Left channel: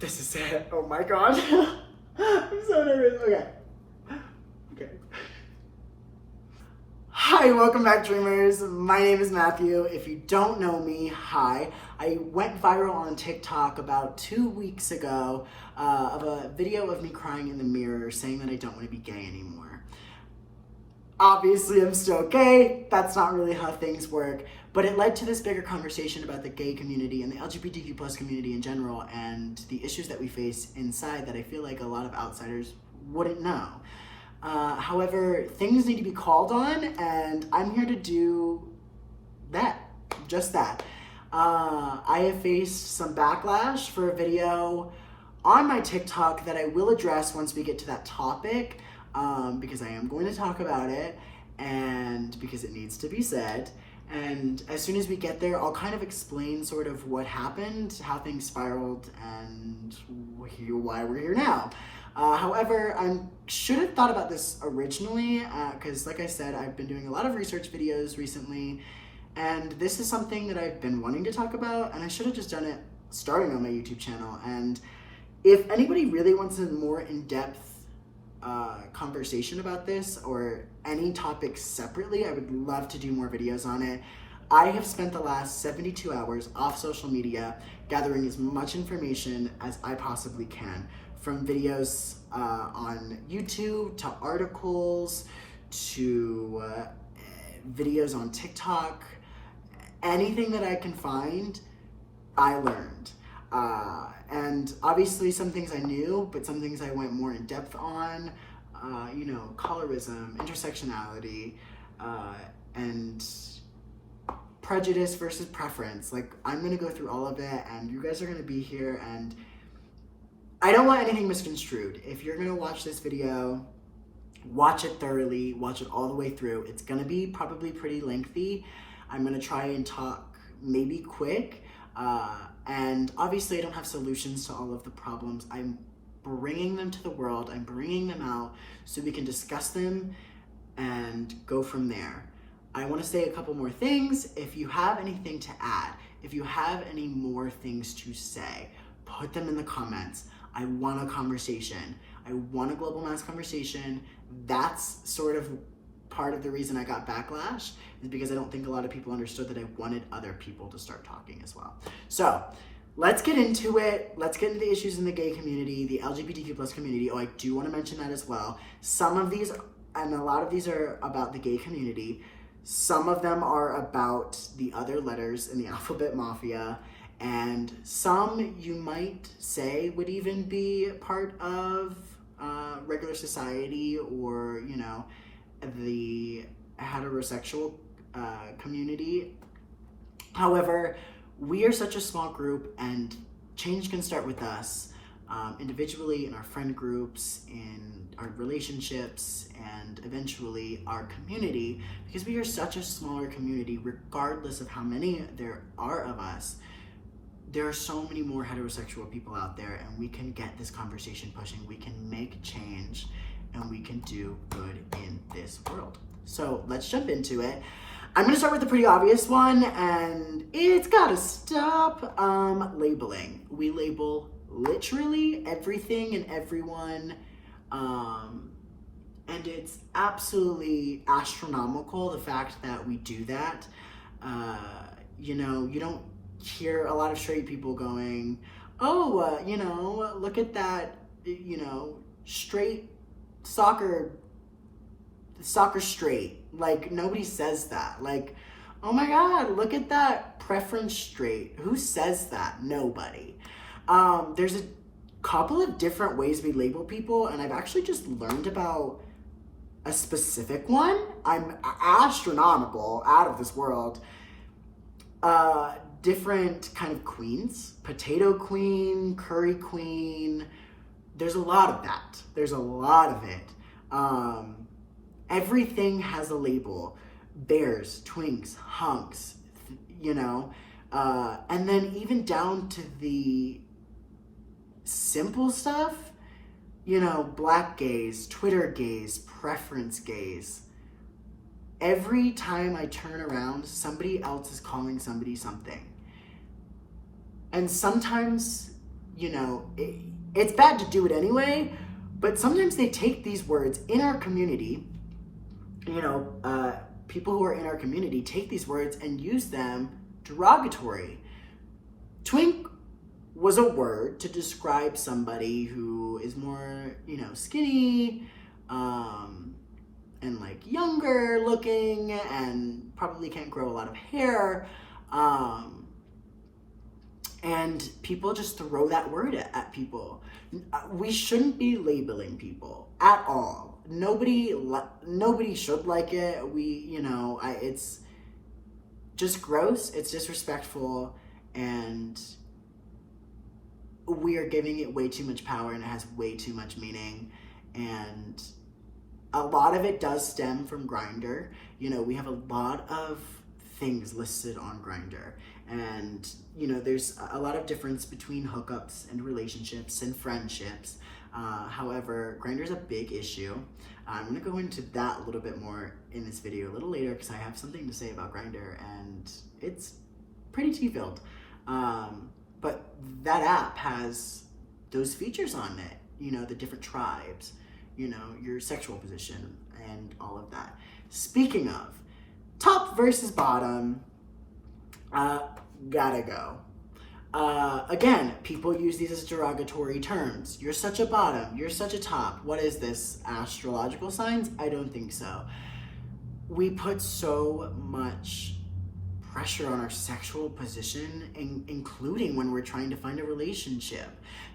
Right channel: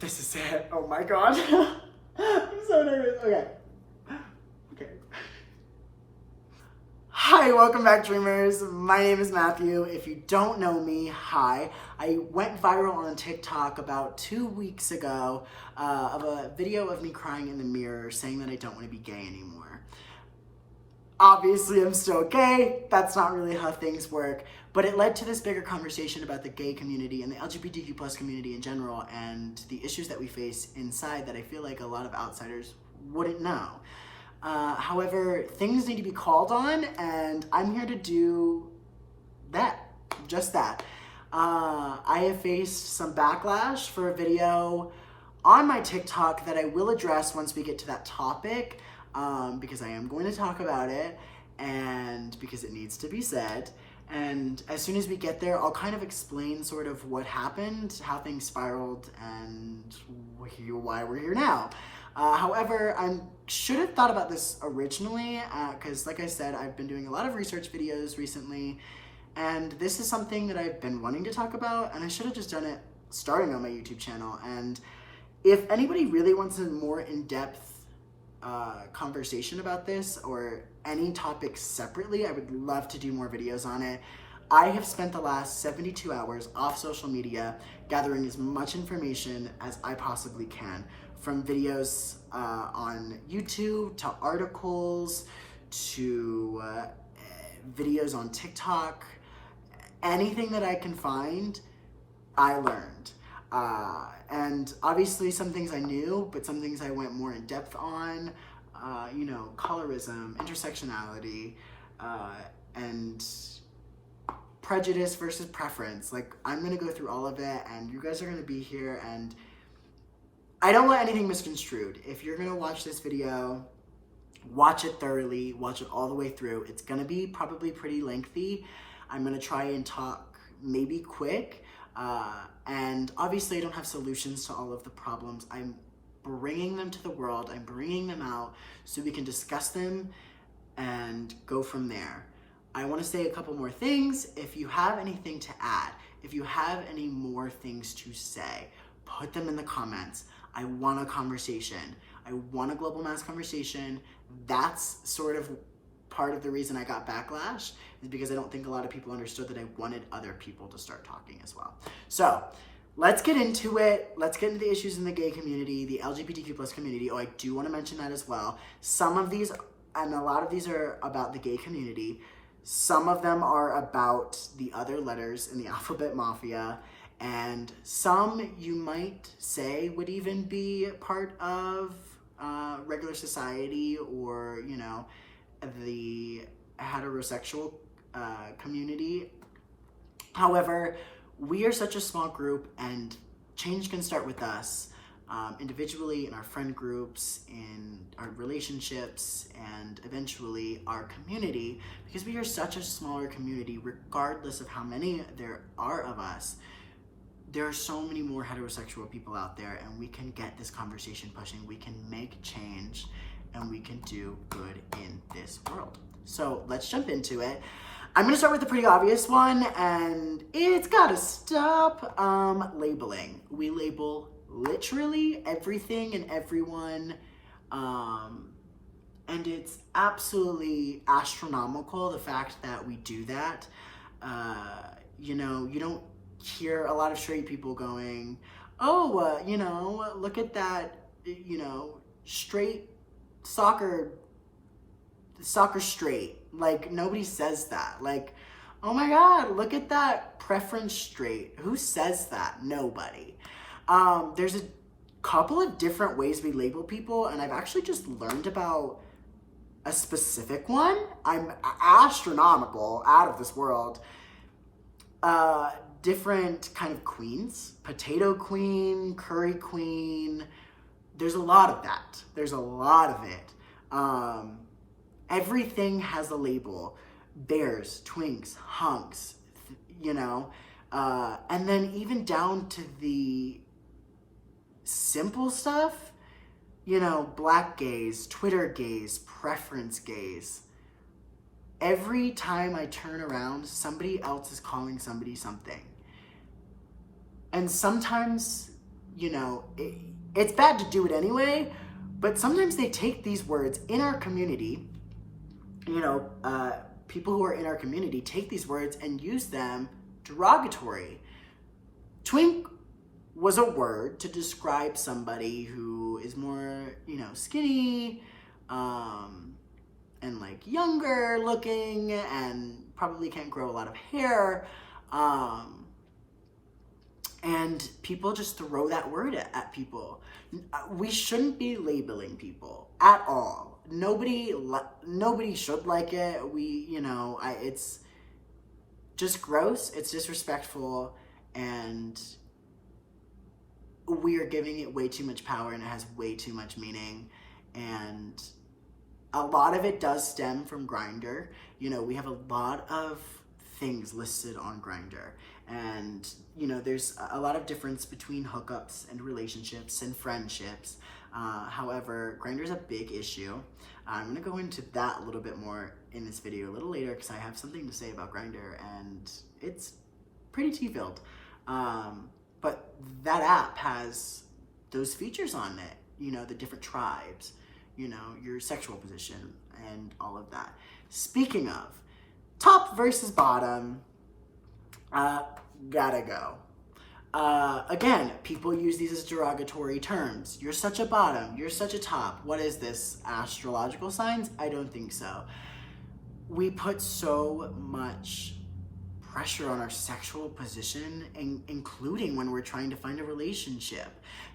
This is it. Oh my god. I'm so nervous. Okay. Hi, welcome back, dreamers. My name is Matthew. If you don't know me, hi. I went viral on TikTok about 2 weeks ago of a video of me crying in the mirror saying that I don't want to be gay anymore. Obviously, I'm still gay. That's not really how things work. But it led to this bigger conversation about the gay community and the LGBTQ plus community in general and the issues that we face inside that I feel like a lot of outsiders wouldn't know. However, things need to be called on, and I'm here to do that, just that. I have faced some backlash for a video on my TikTok that I will address once we get to that topic, because I am going to talk about it, and because it needs to be said. And as soon as we get there, I'll kind of explain sort of what happened, how things spiraled, and why we're here now. However, I should have thought about this originally, because like I said, I've been doing a lot of research videos recently, and this is something that I've been wanting to talk about, and I should have just done it starting on my YouTube channel. And if anybody really wants a more in-depth conversation about this, or any topics separately, I would love to do more videos on it. I have spent the last 72 hours off social media gathering as much information as I possibly can, from videos on YouTube to articles to videos on TikTok. Anything that I can find, I learned. And obviously some things I knew, but some things I went more in depth on, colorism, intersectionality, and prejudice versus preference. Like, I'm gonna go through all of it, and you guys are gonna be here, and I don't want anything misconstrued. If you're gonna watch this video, watch it thoroughly, watch it all the way through. It's gonna be probably pretty lengthy. I'm gonna try and talk maybe quick, and obviously I don't have solutions to all of the problems. I'm bringing them to the world, I'm bringing them out so we can discuss them and go from there. I want to say a couple more things. If you have anything to add, if you have any more things to say, put them in the comments. I want a conversation. I want a global mass conversation. That's sort of part of the reason I got backlash, is because I don't think a lot of people understood that I wanted other people to start talking as well. So let's get into it. Let's get into the issues in the gay community, the LGBTQ plus community. Oh, I do want to mention that as well. Some of these, and a lot of these, are about the gay community. Some of them are about the other letters in the alphabet mafia, and some you might say would even be part of regular society, or, the heterosexual community. However, we are such a small group, and change can start with us, individually, in our friend groups, in our relationships, and eventually our community, because we are such a smaller community. Regardless of how many there are of us, there are so many more heterosexual people out there, and we can get this conversation pushing. We can make change, and we can do good in this world. So let's jump into it. I'm gonna start with the pretty obvious one, and it's gotta stop. Labeling. We label literally everything and everyone, and it's absolutely astronomical, the fact that we do that. You don't hear a lot of straight people going, look at that, straight soccer straight. Like, nobody says that. Like, oh my god, look at that preference straight. Who says that? Nobody. There's a couple of different ways we label people, and I've actually just learned about a specific one. I'm astronomical, out of this world. Different kind of queens. Potato queen, curry queen. There's a lot of that. There's a lot of it. Everything has a label. Bears, twinks, hunks, and then even down to the simple stuff, black gays, Twitter gays, preference gays. Every time I turn around, somebody else is calling somebody something. And sometimes you know, it's bad to do it anyway, but sometimes they take these words in our community, you know, people who are in our community take these words and use them derogatory. Twink was a word to describe somebody who is more, you know, skinny, and like younger looking and probably can't grow a lot of hair. And people just throw that word at people. We shouldn't be labeling people at all. Nobody should like it. It's just gross. It's disrespectful, and we are giving it way too much power, and it has way too much meaning. And a lot of it does stem from Grindr. You know, we have a lot of things listed on Grindr, and you know, there's a lot of difference between hookups and relationships and friendships. However, Grindr is a big issue. I'm gonna go into that a little bit more in this video a little later, because I have something to say about Grindr, and it's pretty tea-filled. But that app has those features on it, you know, the different tribes, you know, your sexual position and all of that. Speaking of top versus bottom, gotta go. Again, people use these as derogatory terms. You're such a bottom, you're such a top. What is this, astrological signs? I don't think so. We put so much pressure on our sexual position, including when we're trying to find a relationship.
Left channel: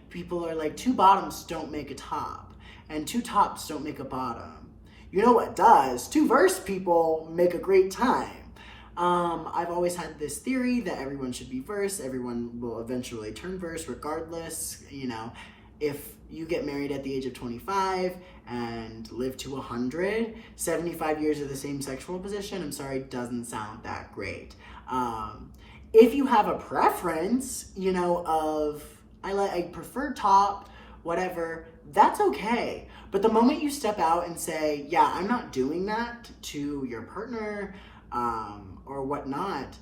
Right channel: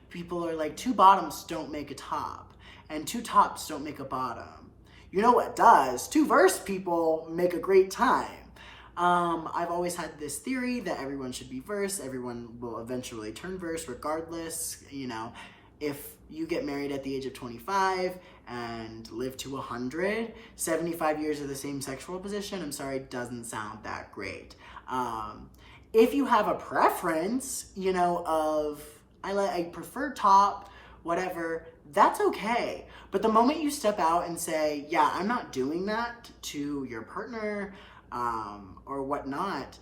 People are like, 2 bottoms don't make a top, and 2 tops don't make a bottom. You know what does? 2 verse people make a great time. I've always had this theory that everyone should be verse. Everyone will eventually turn verse regardless. You know, if you get married at the age of 25 and live to 100, 75 years of the same sexual position, I'm sorry, doesn't sound that great. If you have a preference, you know, of, I prefer top, whatever, that's okay. But the moment you step out and say, yeah, I'm not doing that to your partner, or whatnot,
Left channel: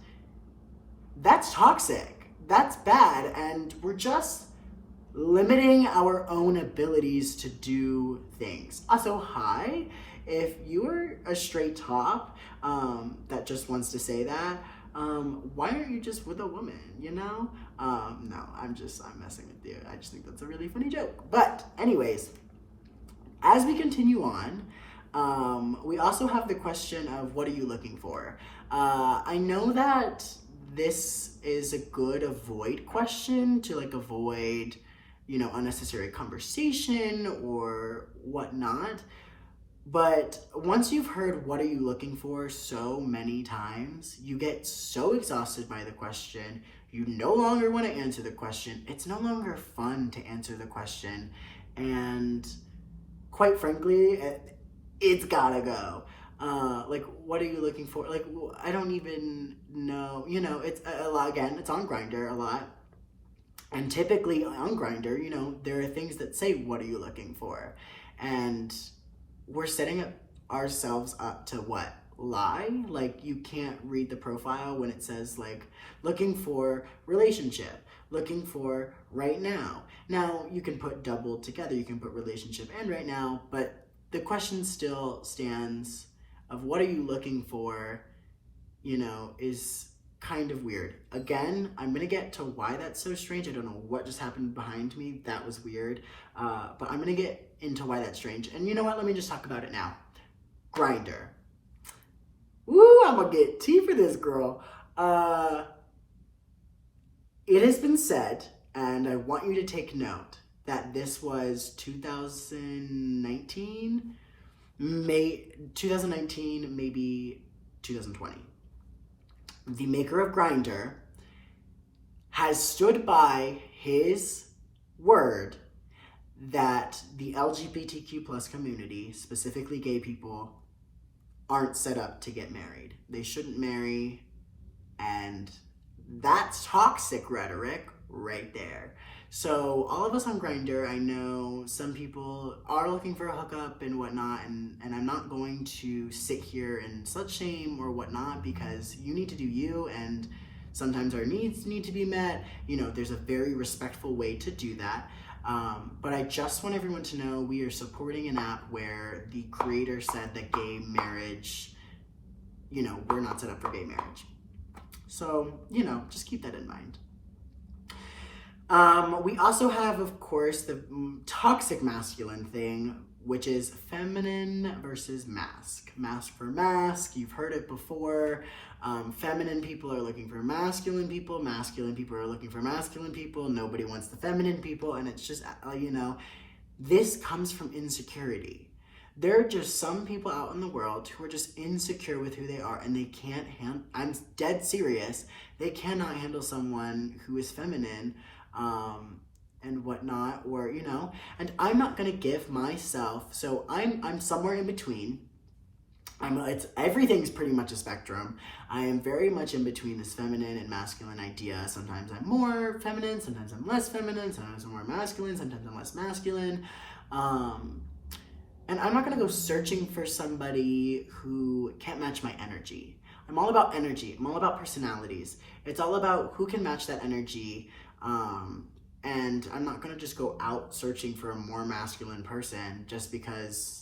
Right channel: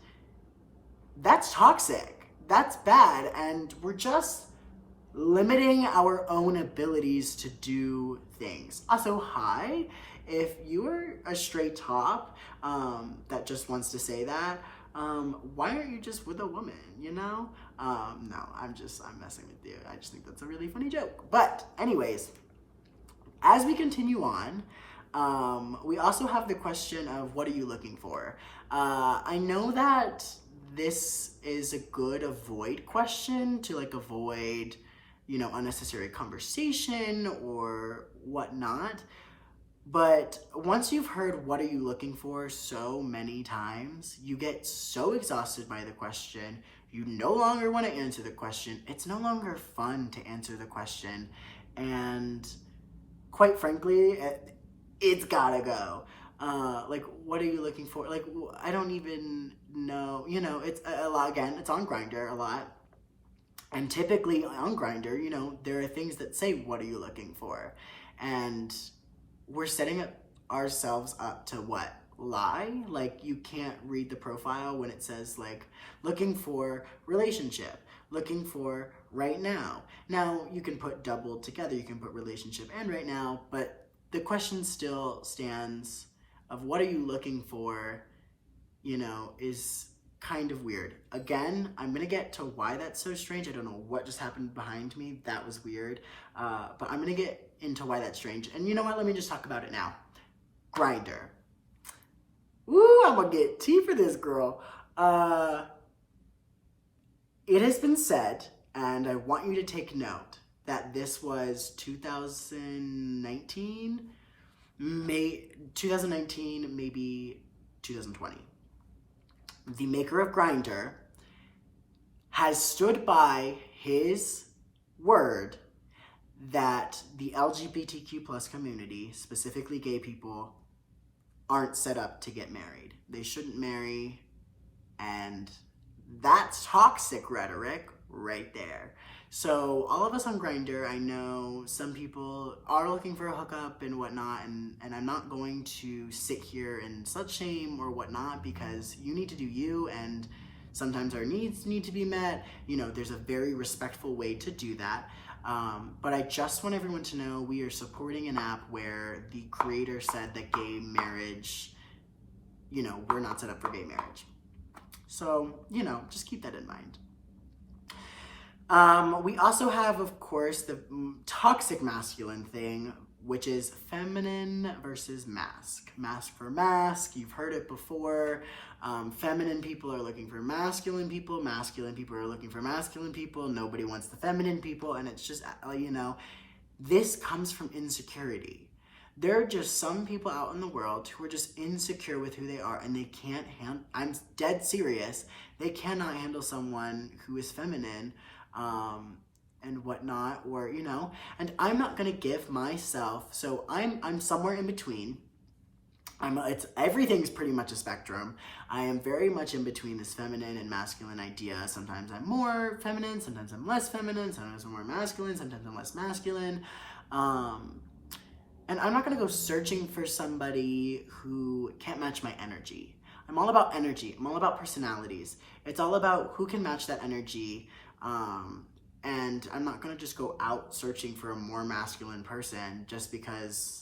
that's toxic. That's bad. And we're just limiting our own abilities to do things. Also, hi, if you're a straight top that just wants to say that, why aren't you just with a woman, you know? No, I'm messing with you. I just think that's a really funny joke. But anyways, as we continue on, we also have the question of, what are you looking for? I know that this is a good avoid question to like avoid, you know, unnecessary conversation or whatnot. But once you've heard what are you looking for so many times, you get so exhausted by the question, you no longer want to answer the question. It's no longer fun to answer the question. And quite frankly, it's gotta go. Like, what are you looking for? Like, I don't even know. You know, it's a lot. Again, it's on Grindr a lot. And typically on Grindr, you know, there are things that say, what are you looking for? And we're setting ourselves up to what? Lie? Like, you can't read the profile when it says, like, looking for relationship, looking for right now. Now, you can put double together. You can put relationship and right now, but the question still stands of what are you looking for, you know, is kind of weird. Again, I'm going to get to why that's so strange. I don't know what just happened behind me. That was weird. But I'm going to get into why that's strange. And you know what? Let me just talk about it now. Grindr. Woo, I'm going to get tea for this girl. It has been said, and I want you to take note, that this was 2019, maybe 2020. The maker of Grindr has stood by his word that the LGBTQ plus community, specifically gay people, aren't set up to get married. They shouldn't marry, and that's toxic rhetoric right there. So all of us on Grindr, I know some people are looking for a hookup and whatnot, and I'm not going to sit here and slut shame or whatnot, because you need to do you, and Sometimes our needs need to be met. You know, there's a very respectful way to do that. But I just want everyone to know we are supporting an app where the creator said that gay marriage, you know, we're not set up for gay marriage. So, you know, just keep that in mind. We also have, of course, the toxic masculine thing, which is feminine versus mask. Mask for mask, you've heard it before. Feminine people are looking for masculine people are looking for masculine people, nobody wants the feminine people, and it's just, you know, this comes from insecurity. There are just some people out in the world who are just insecure with who they are, and they can't handle, I'm dead serious, they cannot handle someone who is feminine, and whatnot, or, you know, and I'm not gonna give myself, so I'm somewhere in between. Everything's pretty much a spectrum. I am very much in between this feminine and masculine idea. Sometimes I'm more feminine, sometimes I'm less feminine, sometimes I'm more masculine, sometimes I'm less masculine. And I'm not gonna go searching for somebody who can't match my energy. I'm all about energy, I'm all about personalities. It's all about who can match that energy. And I'm not gonna just go out searching for a more masculine person just because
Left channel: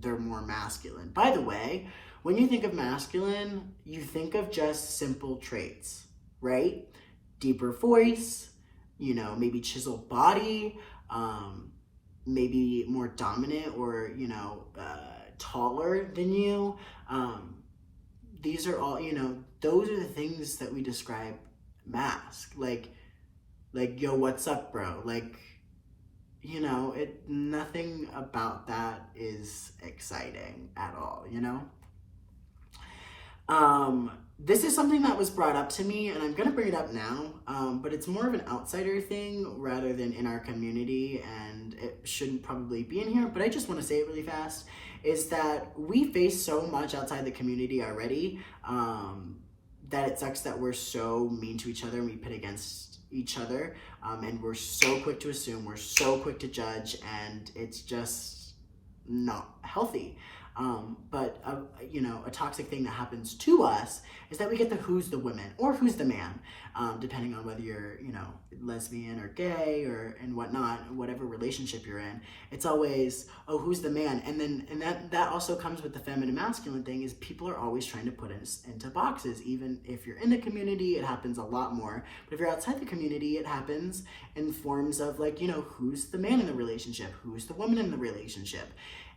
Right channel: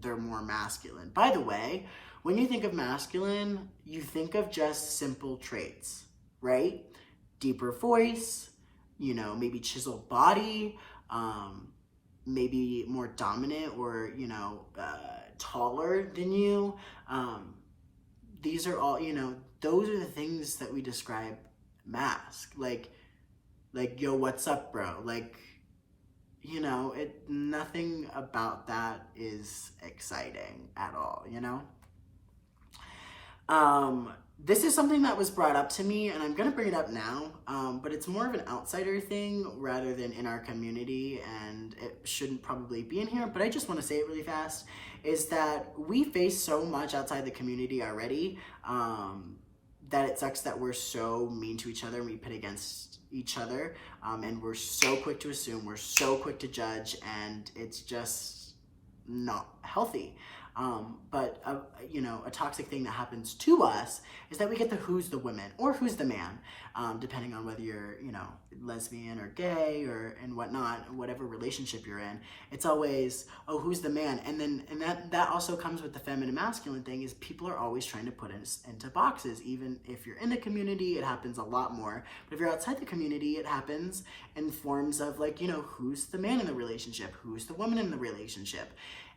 they're more masculine. By the way, when you think of masculine, you think of just simple traits, right? Deeper voice, you know, maybe chiseled body, maybe more dominant or, you know, taller than you. These are all, you know, those are the things that we describe mask. Like, yo, what's up, bro? Like, you know, nothing about that is exciting at all, you know? This is something that was brought up to me, and I'm gonna bring it up now, but it's more of an outsider thing rather than in our community, and it shouldn't probably be in here, but I just wanna say it really fast, is that we face so much outside the community already, that it sucks that we're so mean to each other and we pit against each other, and we're so quick to assume, we're so quick to judge, and it's just not healthy. But you know, a toxic thing that happens to us is that we get the who's the woman or who's the man, depending on whether you're, you know, lesbian or gay or and whatnot, whatever relationship you're in. It's always, oh, who's the man? And that also comes with the feminine masculine thing, is people are always trying to put us into boxes. Even if you're in the community, it happens a lot more. But if you're outside the community, it happens in forms of, like, you know, who's the man in the relationship? Who's the woman in the relationship?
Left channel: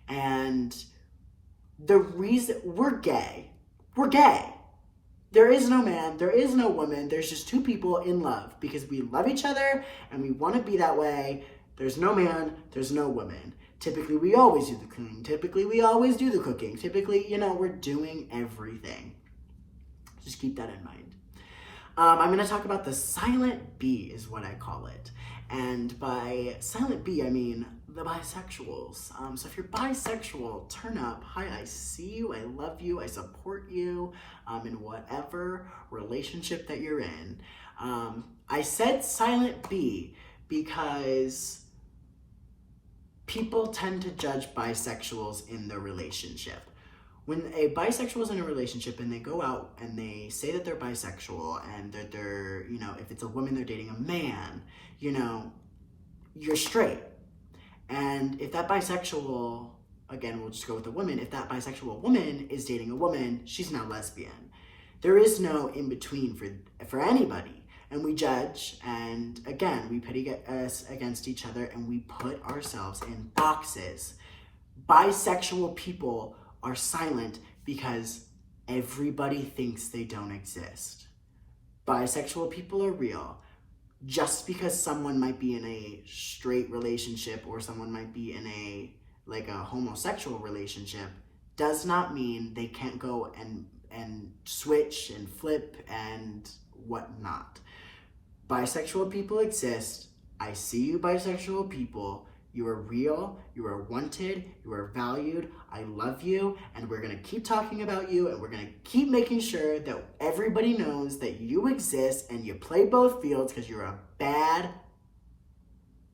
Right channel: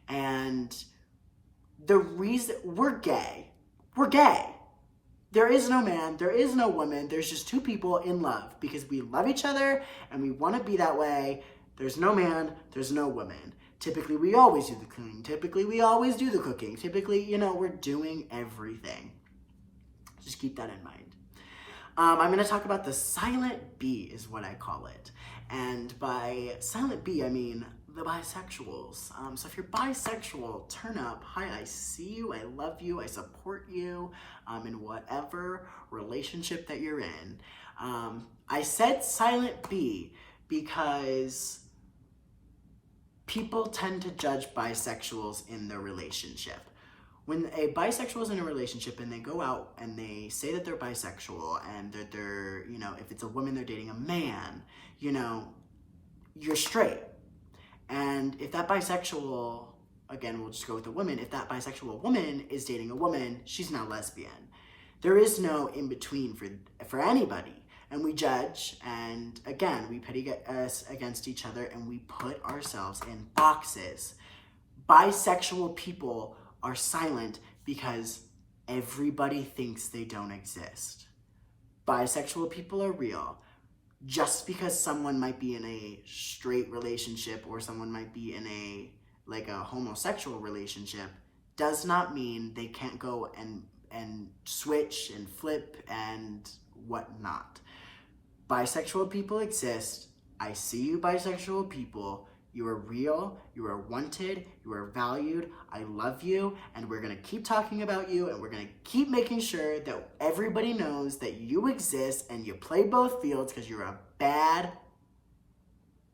And the reason we're gay. There is no man, there is no woman, there's just two people in love because we love each other and we want to be that way. There's no man, there's no woman. Typically, we always do the cleaning. Typically, we always do the cooking. Typically, you know, we're doing everything. Just keep that in mind. I'm going to talk about the silent B is what I call it. And by silent B, I mean the bisexuals. So if you're bisexual, turn up. Hi, I see you, I love you, I support you in whatever relationship that you're in. I said silent B because people tend to judge bisexuals in their relationship. When a bisexual is in a relationship and they go out and they say that they're bisexual and that they're, you know, if it's a woman, they're dating a man, you know, you're straight. And if that bisexual, again, we'll just go with the woman, if that bisexual woman is dating a woman, she's now lesbian. There is no in-between for anybody. And we judge, and again, we pit us against each other, and we put ourselves in boxes. Bisexual people are silent because everybody thinks they don't exist. Bisexual people are real. Just because someone might be in a straight relationship or someone might be in a homosexual relationship does not mean they can't go and switch and flip and whatnot. Bisexual people exist. I see you, bisexual people. You are real, you are wanted, you are valued, I love you, and we're gonna keep talking about you, and we're gonna keep making sure that everybody knows that you exist and you play both fields because you're a bad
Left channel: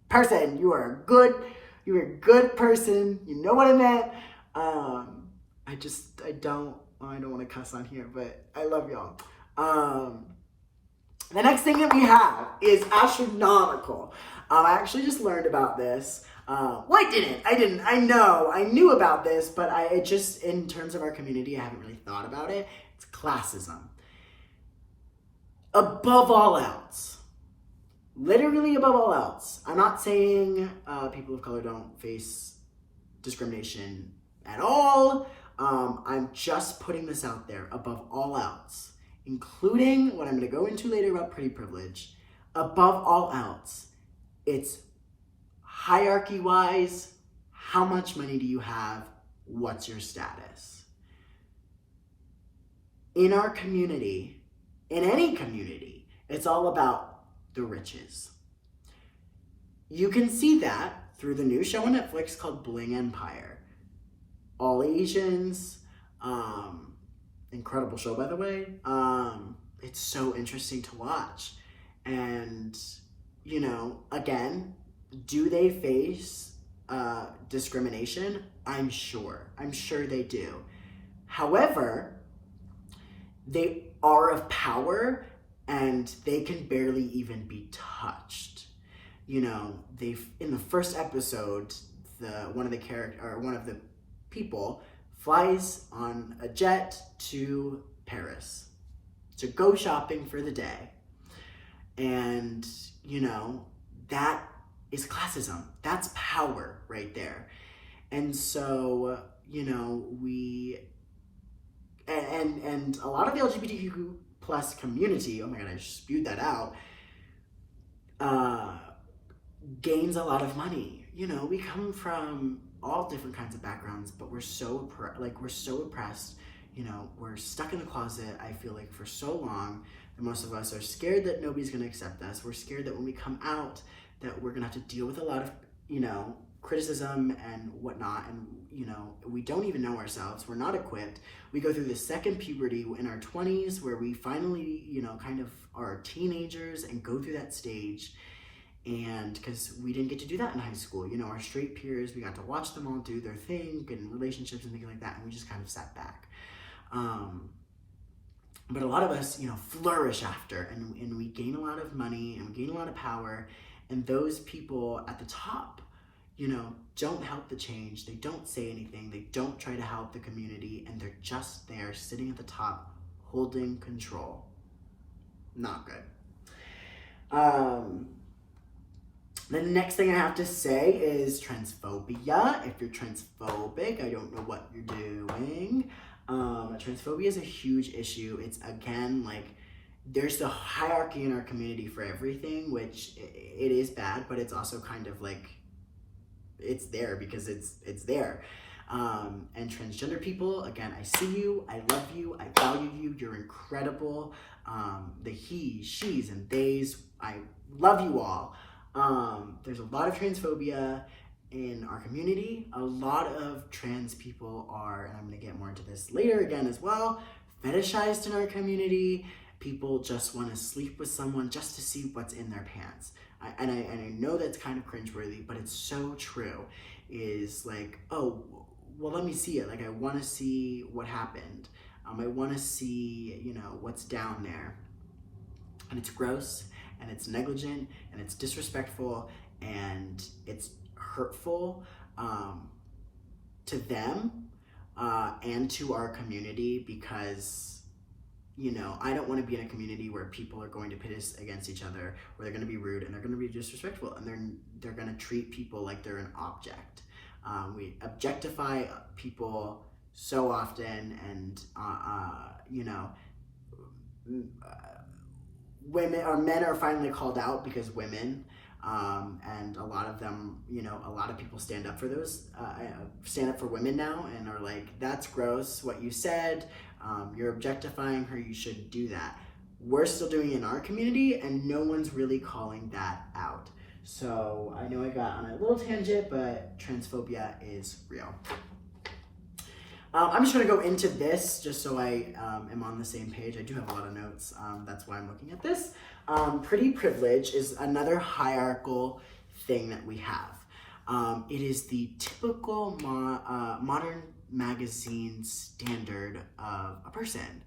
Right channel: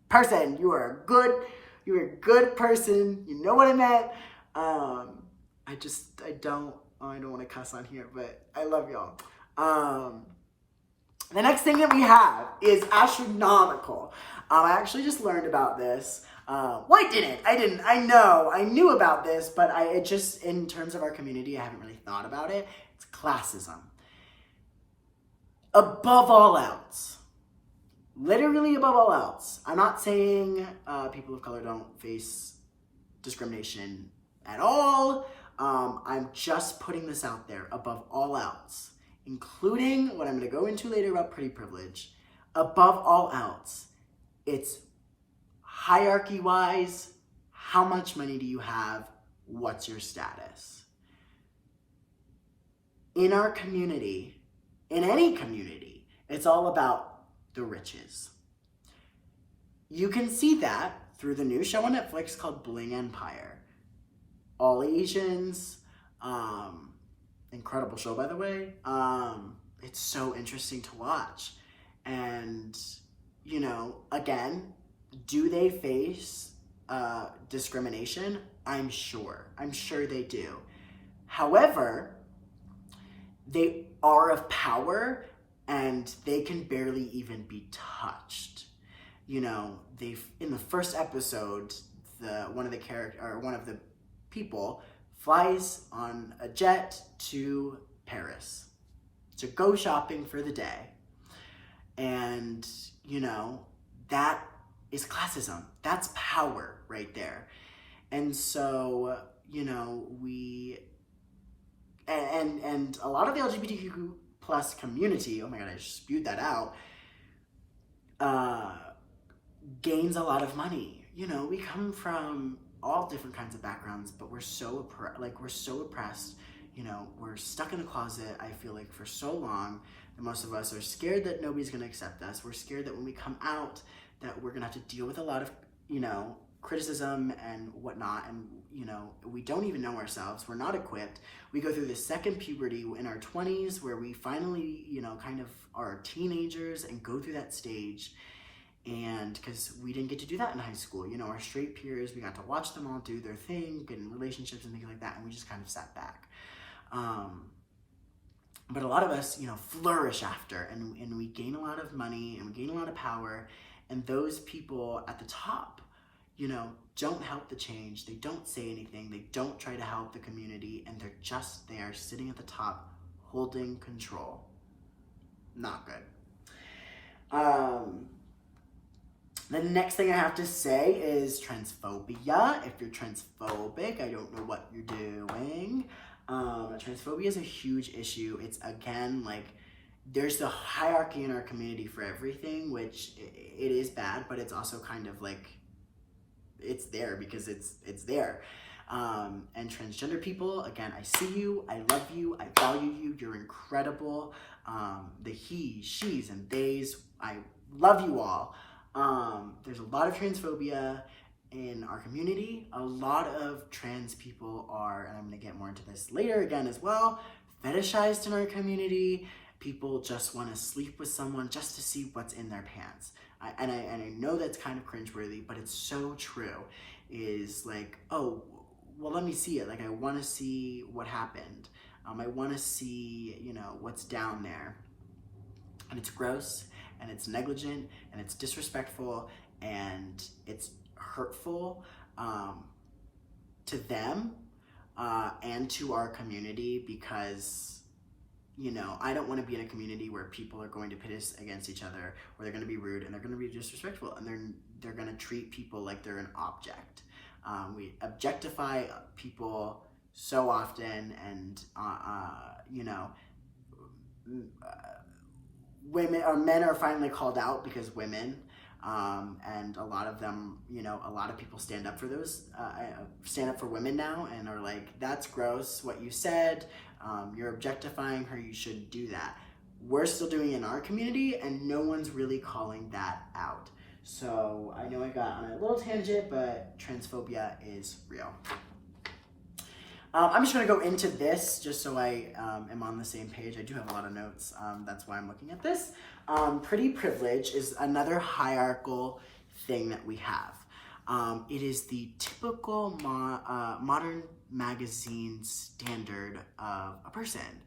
person. You are a good person. You know what I meant? I don't want to cuss on here, but I love y'all. The next thing that we have is astronomical. I actually just learned about this. Well, I didn't. I know. I knew about this, but it just, in terms of our community, I haven't really thought about it. It's classism. Above all else, literally above all else, I'm not saying people of color don't face discrimination at all. I'm just putting this out there. Above all else, including what I'm going to go into later about pretty privilege, above all else, it's hierarchy-wise, how much money do you have? What's your status? In our community, in any community, it's all about the riches. You can see that through the new show on Netflix called Bling Empire. All Asians, incredible show, by the way. It's so interesting to watch. And, you know, again, do they face discrimination? I'm sure they do. However, they are of power and they can barely even be touched. You know, in the first episode, one of the people flies on a jet to Paris to go shopping for the day. And, you know, that is classism. That's power right there. And so, you know, and a lot of the LGBTQ plus community, oh my God, I just spewed that out, gains a lot of money. You know, we come from all different kinds of backgrounds, but we're so oppressed. You know, we're stuck in the closet, I feel like, for so long that most of us are scared that nobody's going to accept us. We're scared that when we come out that we're going to have to deal with a lot of, you know, criticism and whatnot. And, you know, we don't even know ourselves. We're not equipped. We go through the second puberty in our 20s where we finally, you know, kind of are teenagers and go through that stage. And because we didn't get to do that in high school, you know, our straight peers, we got to watch them all do their thing and relationships and things like that. And we just kind of sat back. But a lot of us, you know, flourish after, and we gain a lot of money and we gain a lot of power. And those people at the top, you know, don't help the change. They don't say anything. They don't try to help the community. And they're just there sitting at the top, holding control. Not good. The next thing I have to say is transphobia. If you're transphobic, I don't know what you're doing. Transphobia is a huge issue. It's, again, like, there's a hierarchy in our community for everything, which it is bad, but it's also kind of like, it's there because it's there. And transgender people, again, I see you, I love you, I value you, you're incredible. The he, she's, and theys, I love you all. There's a lot of transphobia in our community. A lot of trans people are, and I'm going to get more into this later again as well, fetishized in our community. People just want to sleep with someone just to see what's in their pants. I know that's kind of cringeworthy, but it's so true. Is like, oh, well, let me see it. Like, I want to see what happened. I want to see, you know, what's down there. And it's gross, and it's negligent, and it's disrespectful, and it's hurtful to them and to our community, because, you know, I don't want to be in a community where people are going to pit us against each other, where they're going to be rude and they're going to be disrespectful, and they're going to treat people like they're an object. We objectify people so often, and you know, women or men are finally called out because women, and a lot of them, you know, a lot of people stand up for women now and are like, that's gross what you said, you're objectifying her, you shouldn't do that. We're still doing it in our community, and no one's really calling that out. So I know I got on a little tangent, but transphobia is real. I'm just going to go into this just so I am on the same page. I do have a lot of notes. That's why I'm looking at this. Pretty privilege is another hierarchical thing that we have. It is the typical modern magazine standard of a person.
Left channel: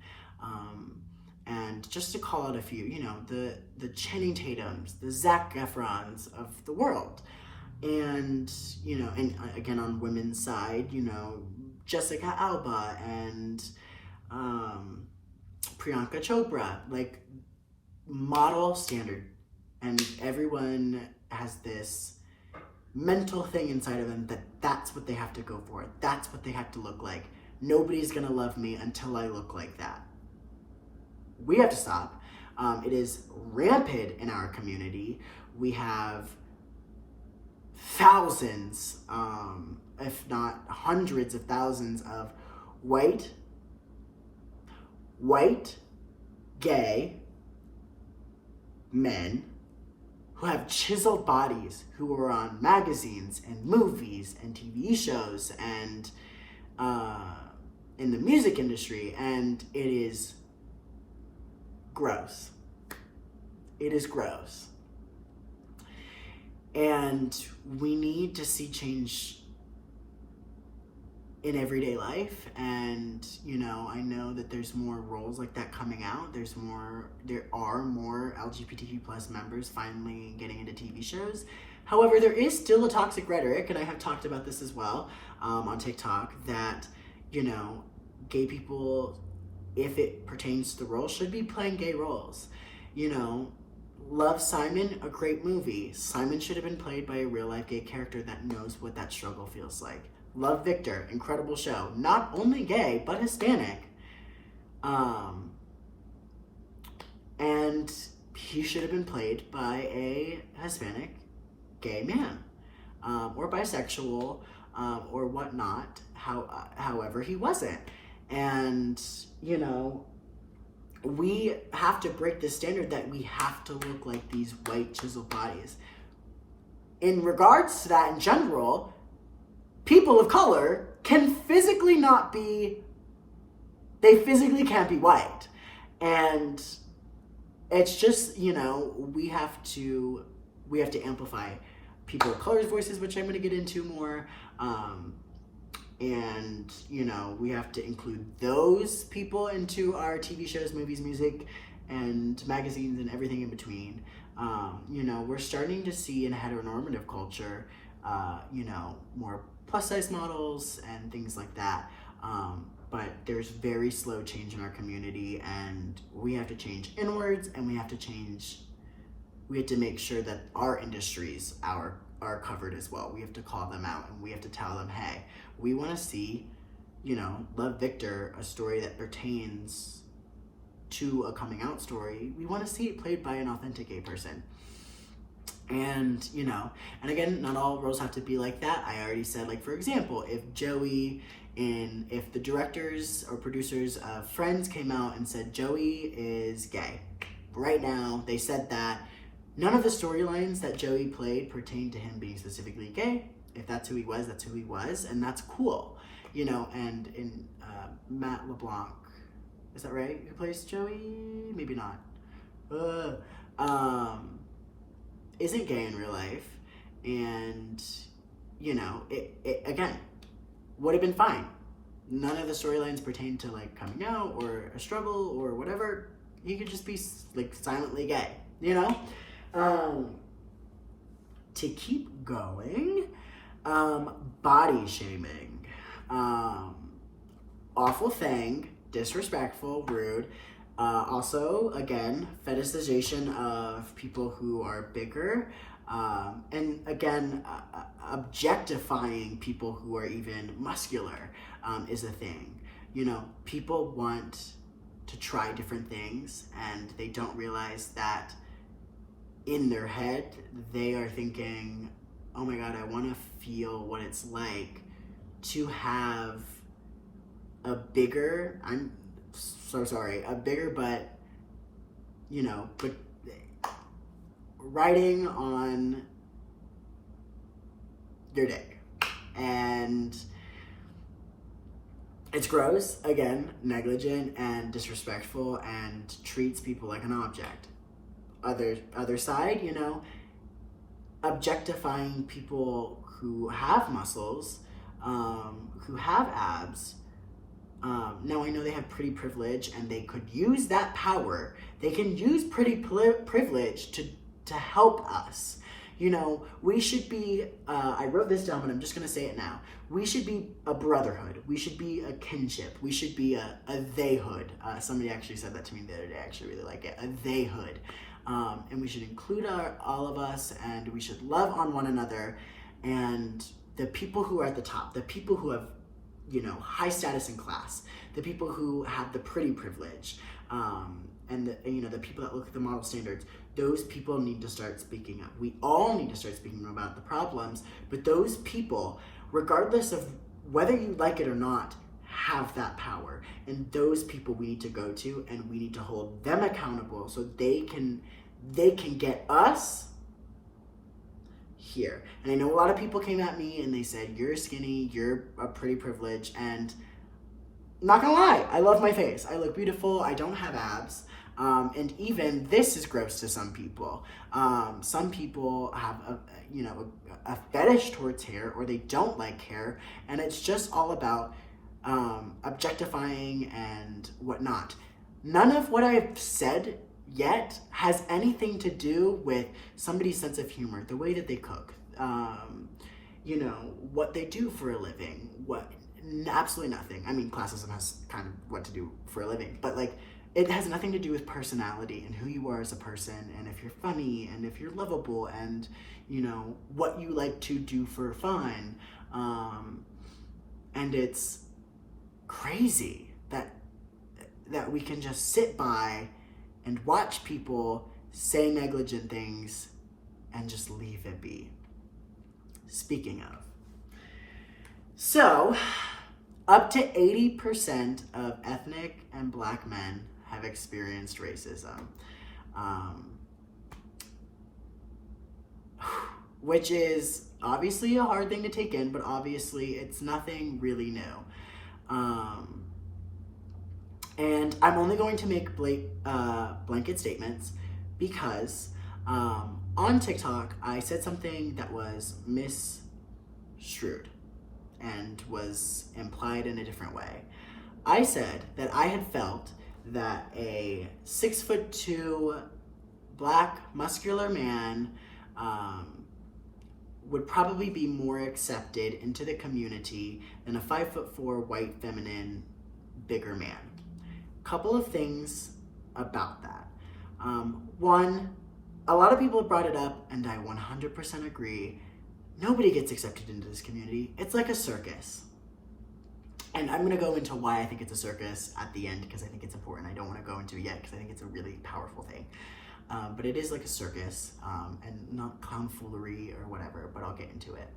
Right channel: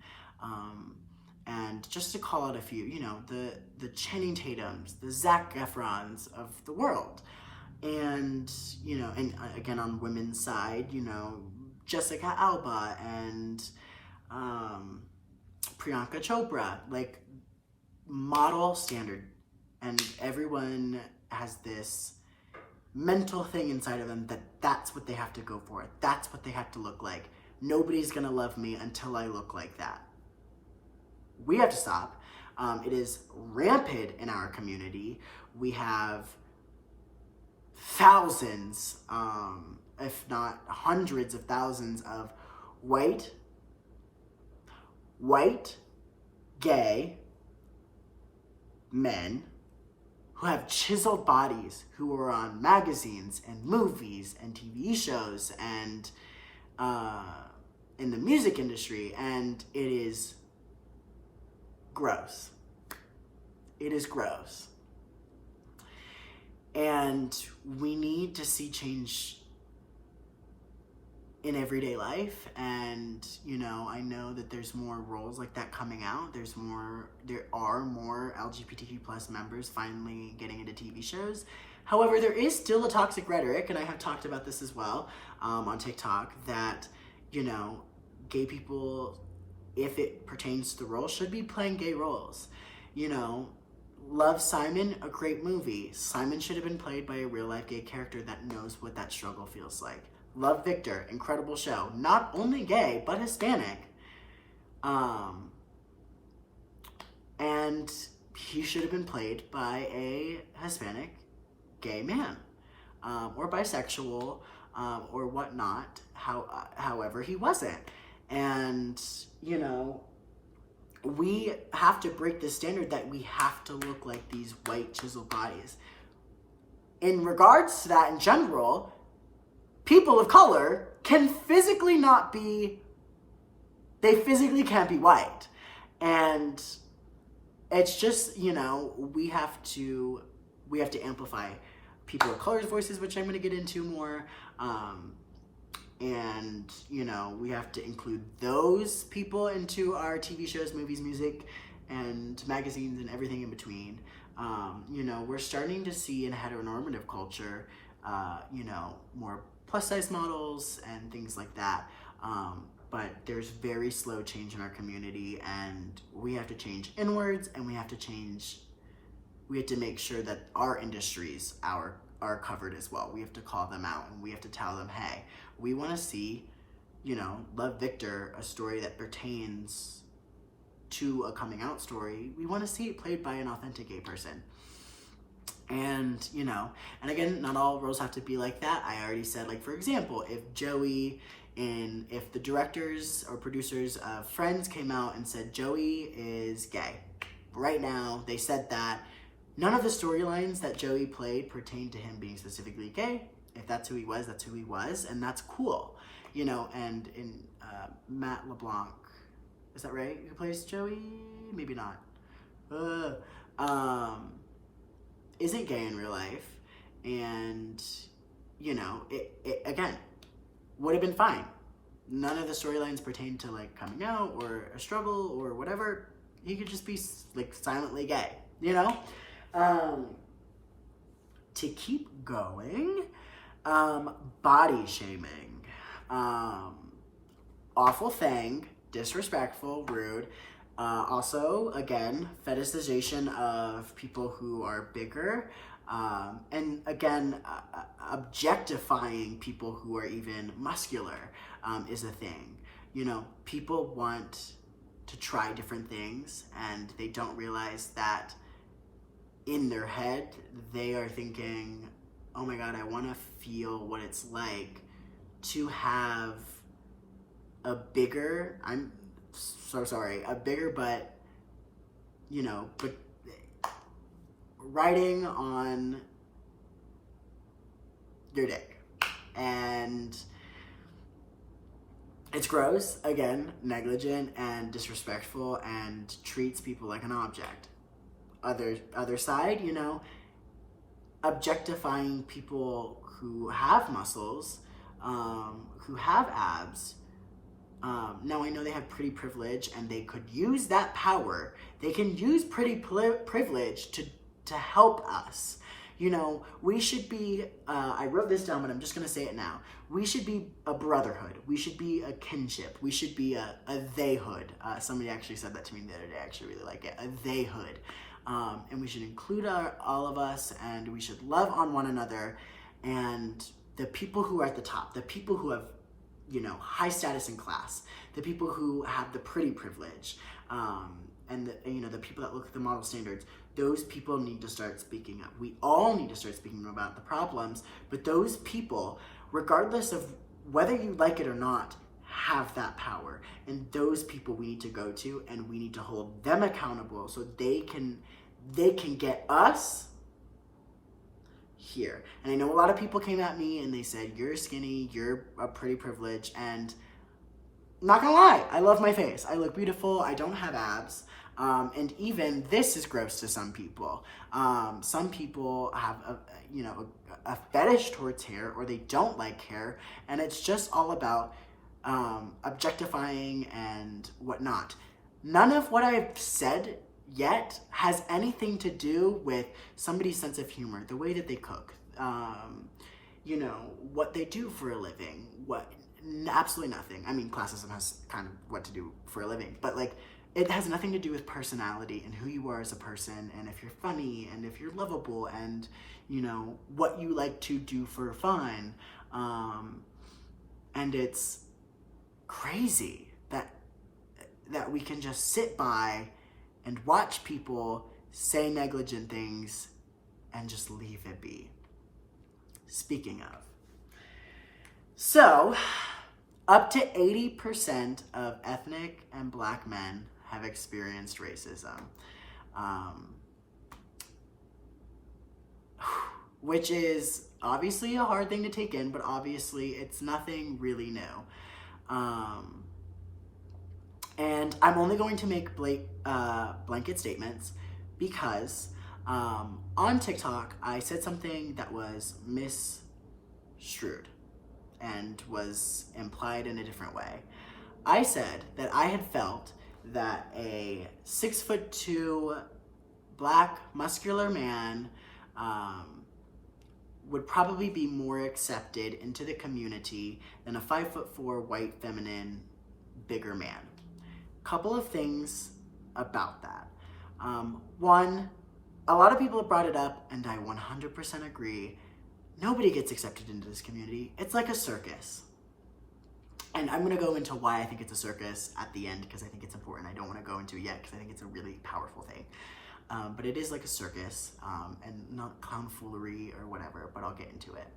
And just to call out a few, you know, the Channing Tatums, the Zac Efrons of the world. And, you know, and again, on women's side, you know, Jessica Alba and Priyanka Chopra, like, model standard. And everyone has this mental thing inside of them that that's what they have to go for. That's what they have to look like. Nobody's gonna love me until I look like that. We have to stop. It is rampant in our community. We have thousands, if not hundreds of thousands of white, gay men who have chiseled bodies, who are on magazines and movies and TV shows and in the music industry, and it is gross. It is gross. And we need to see change in everyday life. And, you know, I know that there's more roles like that coming out. There are more LGBTQ plus members finally getting into TV shows. However, there is still a toxic rhetoric, and I have talked about this as well on TikTok, that, you know, gay people, if it pertains to the role, should be playing gay roles. You know, love Simon, a great movie. Simon should have been played by a real life gay character that knows what that struggle feels like. Love Victor, incredible show. Not only gay, but Hispanic. And he should have been played by a Hispanic gay man, or bisexual, or whatnot. However, he wasn't. And, you know, we have to break the standard that we have to look like these white chiseled bodies. In regards to that in general, people of color can physically not be, they physically can't be white. And it's just, you know, we have to amplify people of color's voices, which I'm going to get into more. And, you know, we have to include those people into our TV shows, movies, music, and magazines, and everything in between. You know, we're starting to see in heteronormative culture, you know, more plus-size models and things like that. But there's very slow change in our community, and we have to change inwards, and we have to make sure that our industries are covered as well. We have to call them out, and we have to tell them, hey, we want to see, you know, Love Victor, a story that pertains to a coming out story. We want to see it played by an authentic gay person. And, you know, and again, not all roles have to be like that. I already said, like, for example, if the directors or producers of Friends came out and said Joey is gay, right now, they said that none of the storylines that Joey played pertain to him being specifically gay. If that's who he was, that's who he was, and that's cool, you know. And in Matt LeBlanc, is that right? Who plays Joey? Maybe not. Isn't gay in real life, and, you know, it again would have been fine. None of the storylines pertain to, like, coming out or a struggle or whatever. He could just be, like, silently gay, you know. To keep going, body shaming, awful thing, disrespectful, rude. Also, again, fetishization of people who are bigger, and again, objectifying people who are even muscular is a thing. You know, people want to try different things, and they don't realize that in their head, they are thinking, oh my God, I want to feel what it's like to have a bigger, I'm so sorry, a bigger butt, you know, but riding on your dick. And it's gross, again, negligent and disrespectful, and treats people like an object. Other side, you know, objectifying people who have muscles, who have abs, Now I know they have pretty privilege and they could use that power. They can use pretty privilege to help us. You know, we should be, I wrote this down, but I'm just going to say it now. We should be a brotherhood. We should be a kinship. We should be a theyhood. Somebody actually said that to me the other day. I actually really like it. A theyhood. And we should include all of us, and we should love on one another. And the people who are at the top, the people who have, you know, high status in class, the people who have the pretty privilege, and the people that look at the model standards, those people need to start speaking up. We all need to start speaking about the problems, but those people, regardless of whether you like it or not, have that power. And those people we need to go to, and we need to hold them accountable so they can get us here. And I know a lot of people came at me and they said, you're skinny, you're a pretty privilege, and I'm not gonna lie, I love my face. I look beautiful, I don't have abs. And even this is gross to some people. Some people have a fetish towards hair, or they don't like hair, and it's just all about objectifying and whatnot. None of what I've said yet has anything to do with somebody's sense of humor, the way that they cook, what they do for a living, absolutely nothing. I mean, classism has kind of what to do for a living, but like, it has nothing to do with personality and who you are as a person, and if you're funny, and if you're lovable, and, you know, what you like to do for fun. And it's crazy that we can just sit by and watch people say negligent things and just leave it be. Speaking of. So, up to 80% of ethnic and Black men have experienced racism, which is obviously a hard thing to take in, but obviously it's nothing really new. And I'm only going to make blanket statements because on TikTok, I said something that was misconstrued and was implied in a different way. I said that I had felt that a 6'2" Black muscular man would probably be more accepted into the community than a 5'4" white, feminine, bigger man. Couple of things about that. One, a lot of people have brought it up, and I 100% agree. Nobody gets accepted into this community. It's like a circus. And I'm going to go into why I think it's a circus at the end, because I think it's important. I don't want to go into it yet because I think it's a really powerful thing. But it is like a circus, and not clown foolery or whatever, but I'll get into it.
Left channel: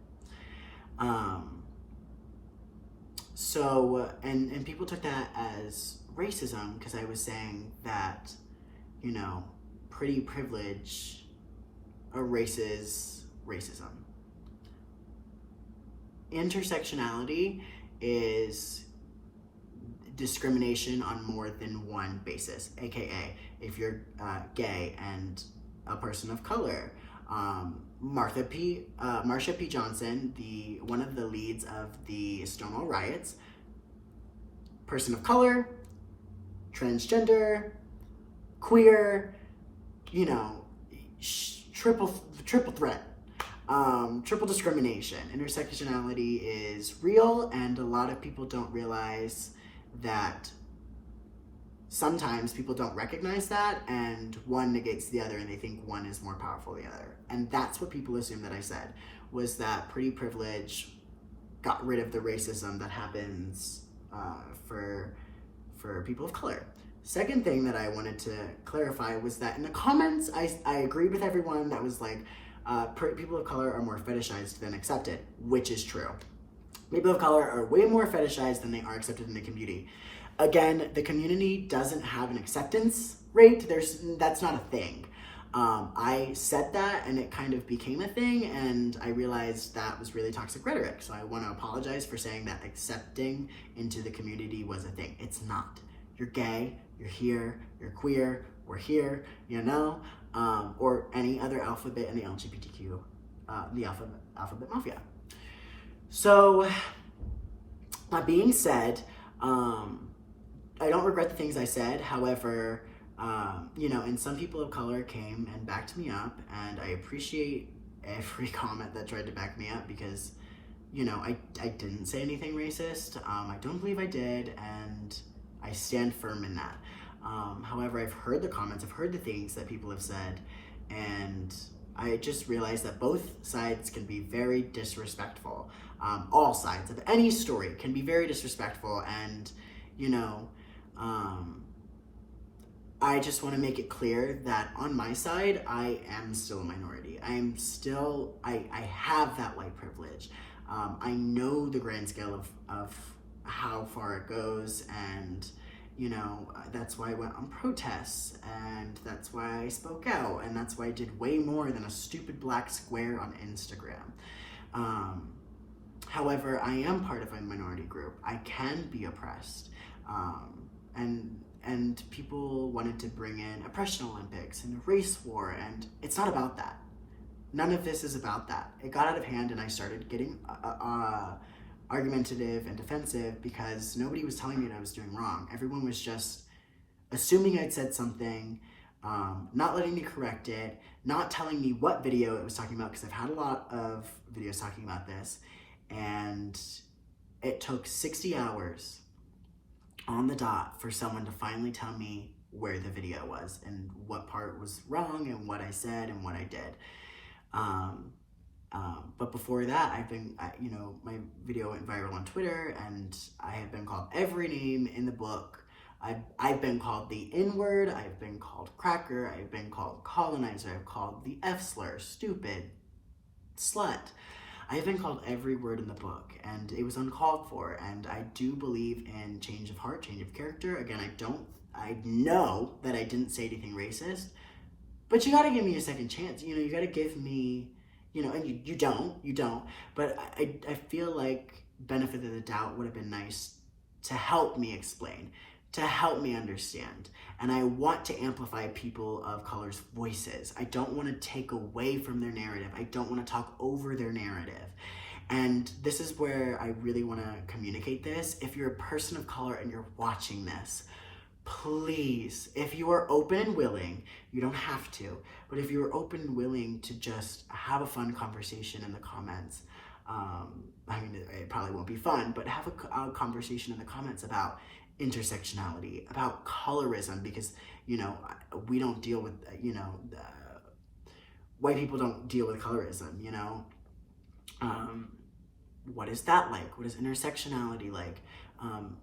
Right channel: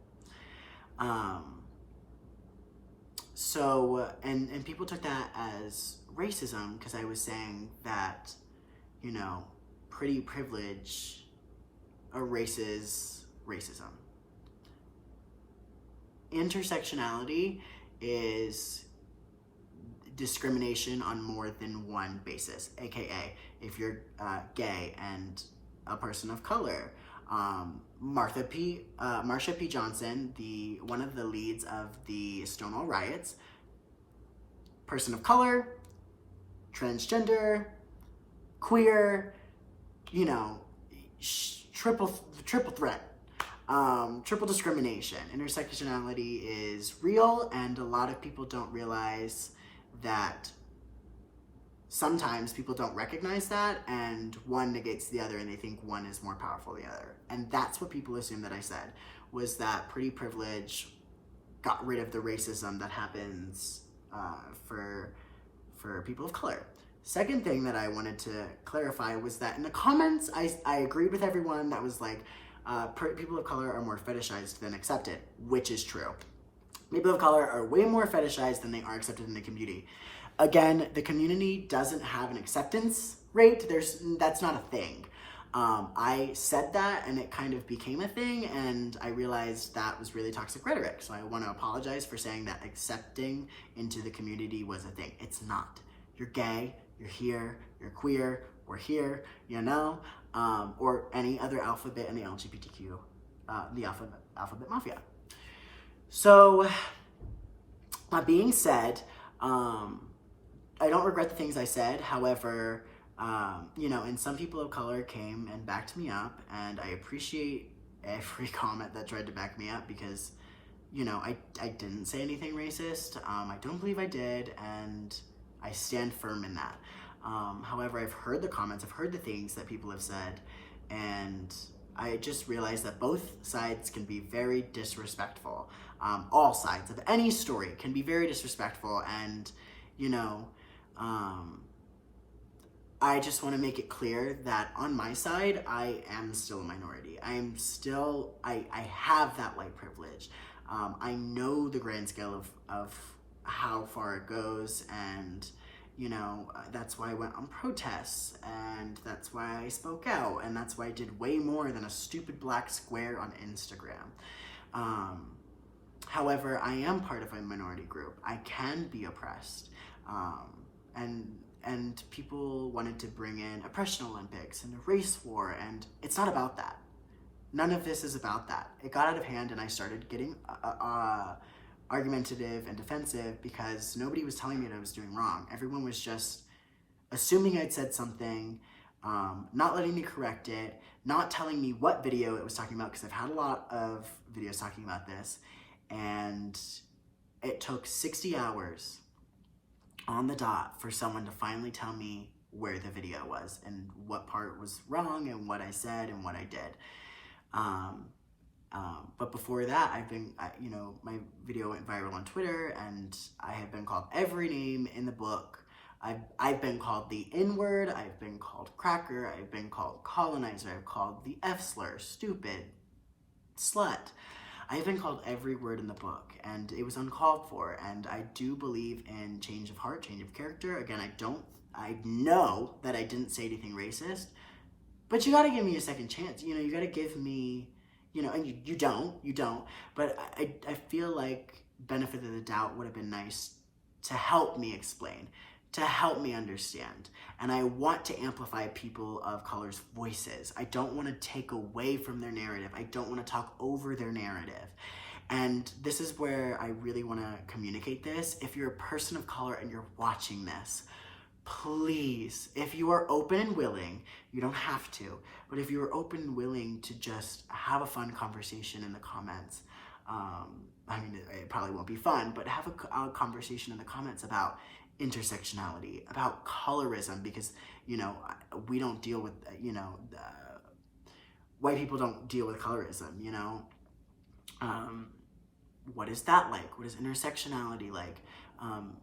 And people took that as racism because I was saying that, you know, pretty privilege erases racism. Intersectionality is discrimination on more than one basis, aka if you're gay and a person of color. Marsha P. Johnson, one of the leads of the Stonewall riots, person of color, transgender, queer, you know, triple threat. Triple discrimination. Intersectionality is real, and a lot of people don't realize that sometimes people don't recognize that, and one negates the other, and they think one is more powerful than the other. And that's what people assume that I said, was that pretty privilege got rid of the racism that happens for people of color. Second thing that I wanted to clarify was that in the comments, I agreed with everyone that was like, people of color are more fetishized than accepted, which is true. People of color are way more fetishized than they are accepted in the community. Again, the community doesn't have an acceptance rate. That's not a thing. I said that and it kind of became a thing, and I realized that was really toxic rhetoric. So I want to apologize for saying that accepting into the community was a thing. It's not. You're gay, you're here, you're queer, we're here, you know, or any other alphabet in the LGBTQ, the alphabet mafia. So, that being said, I don't regret the things I said. However, you know, and some people of color came and backed me up, and I appreciate every comment that tried to back me up because, you know, I didn't say anything racist. I don't believe I did, and I stand firm in that. However, I've heard the comments, I've heard the things that people have said, and I just realized that both sides can be very disrespectful. All sides of any story can be very disrespectful, and, you know, I just want to make it clear that on my side, I am still a minority. I am still, I have that white privilege. I know the grand scale of how far it goes, and, you know, that's why I went on protests, and that's why I spoke out, and that's why I did way more than a stupid black square on Instagram. However, I am part of a minority group. I can be oppressed. And people wanted to bring in oppression Olympics and a race war, and it's not about that. None of this is about that. It got out of hand, and I started getting argumentative and defensive because nobody was telling me that I was doing wrong. Everyone was just assuming I'd said something, not letting me correct it, not telling me what video it was talking about, because I've had a lot of videos talking about this, and it took 60 hours on the dot for someone to finally tell me where the video was and what part was wrong and what I said and what I did. But before that, I've been, you know, my video went viral on Twitter, and I have been called every name in the book. I've been called the N-word, I've been called cracker, I've been called colonizer, I've called the F-slur, stupid, slut. I have been called every word in the book, and it was uncalled for, and I do believe in change of heart, change of character. Again, I know that I didn't say anything racist, but you gotta give me a second chance. You know, you gotta give me, you know, and you don't, but I feel like benefit of the doubt would have been nice to help me explain, to help me understand. And I want to amplify people of color's voices. I don't want to take away from their narrative. I don't want to talk over their narrative. And this is where I really want to communicate this. If you're a person of color and you're watching this, please, if you are open and willing, you don't have to, but if you're open and willing to just have a fun conversation in the comments, I mean, it probably won't be fun, but have a conversation in the comments about intersectionality, about colorism, because, you know, we don't deal with, you know, white people don't deal with colorism, you know. What is that like? What is intersectionality like?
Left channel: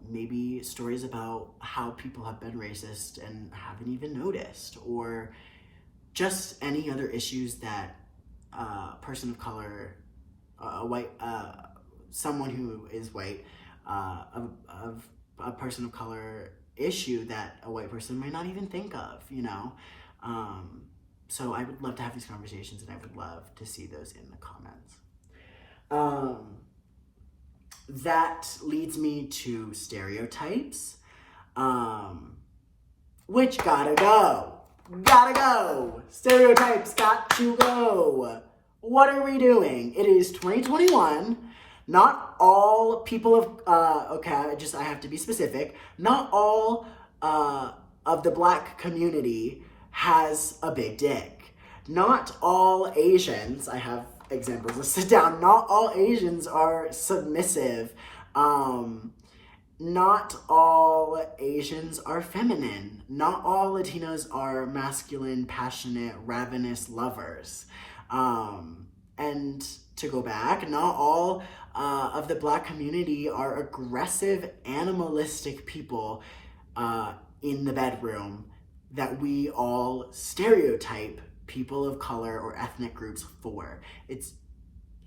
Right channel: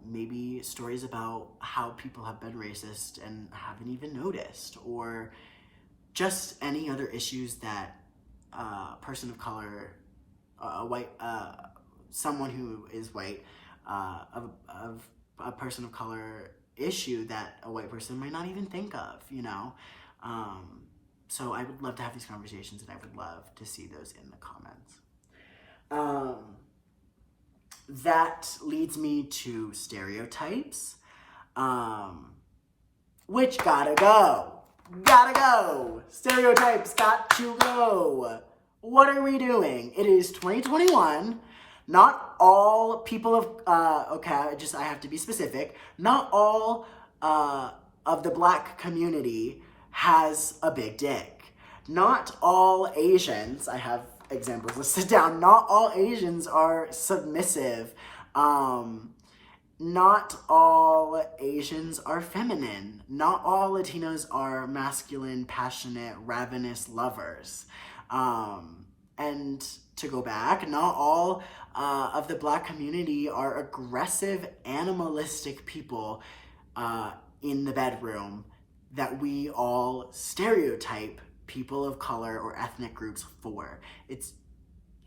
Maybe stories about how people have been racist and haven't even noticed, or just any other issues that a person of color, someone who is white, of a person of color issue that a white person might not even think of, you know? So I would love to have these conversations, and I would love to see those in the comments. That leads me to stereotypes, which gotta go. Stereotypes got to go. What are we doing? It is 2021. Not all people of, I have to be specific. Not all of the Black community has a big dick. Not all Asians, I have examples listed down, not all Asians are submissive. Not all Asians are feminine. Not all Latinos are masculine, passionate, ravenous lovers. And to go back, not all of the Black community are aggressive, animalistic people in the bedroom that we all stereotype people of color or ethnic groups for.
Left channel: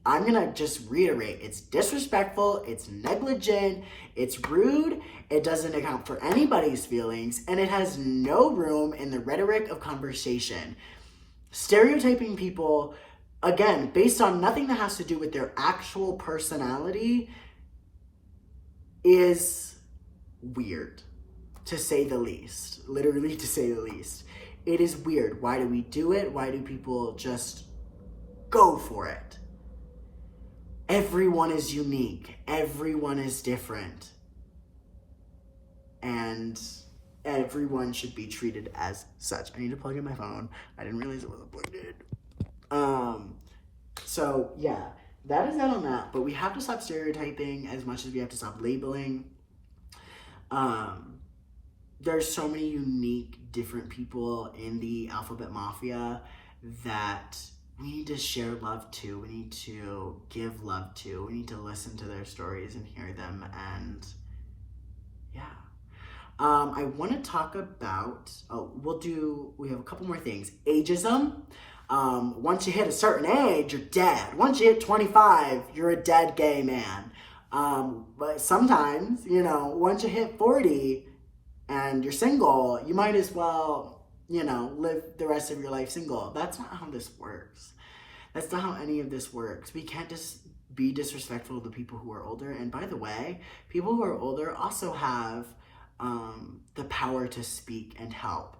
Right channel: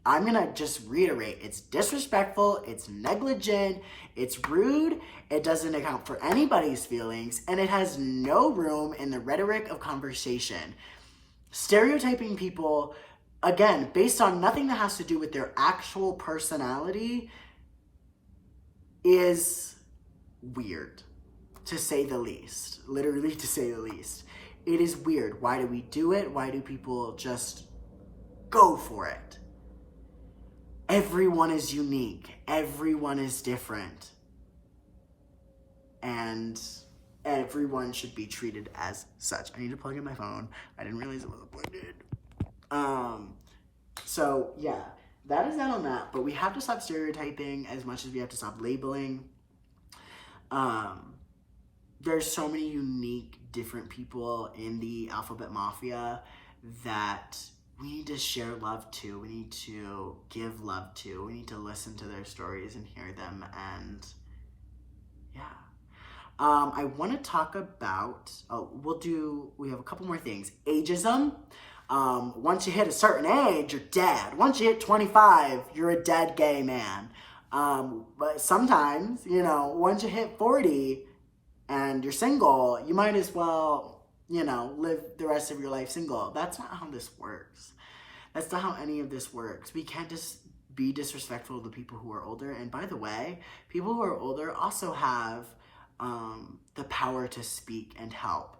I'm gonna just reiterate, it's disrespectful, it's negligent, it's rude, it doesn't account for anybody's feelings, and it has no room in the rhetoric of conversation. Stereotyping people, again, based on nothing that has to do with their actual personality, is weird, to say the least. Literally, to say the least. It is weird. Why do we do it? Why do people just go for it? Everyone is unique. Everyone is different. and everyone should be treated as such. I need to plug in my phone. I didn't realize it wasn't plugged in. So yeah, that is that on that. But we have to stop stereotyping as much as we have to stop labeling. There's so many unique, different people in the alphabet mafia that we need to share love to. We need to give love to. We need to listen to their stories and hear them. And yeah. I want to talk about, we have a couple more things. Ageism. Once you hit a certain age, you're dead. Once you hit 25, you're a dead gay man. But sometimes, once you hit 40 and you're single, you might as well, live the rest of your life single. That's not how this works. That's not how any of this works. We can't just be disrespectful to people who are older. And by the way, people who are older also have the power to speak and help.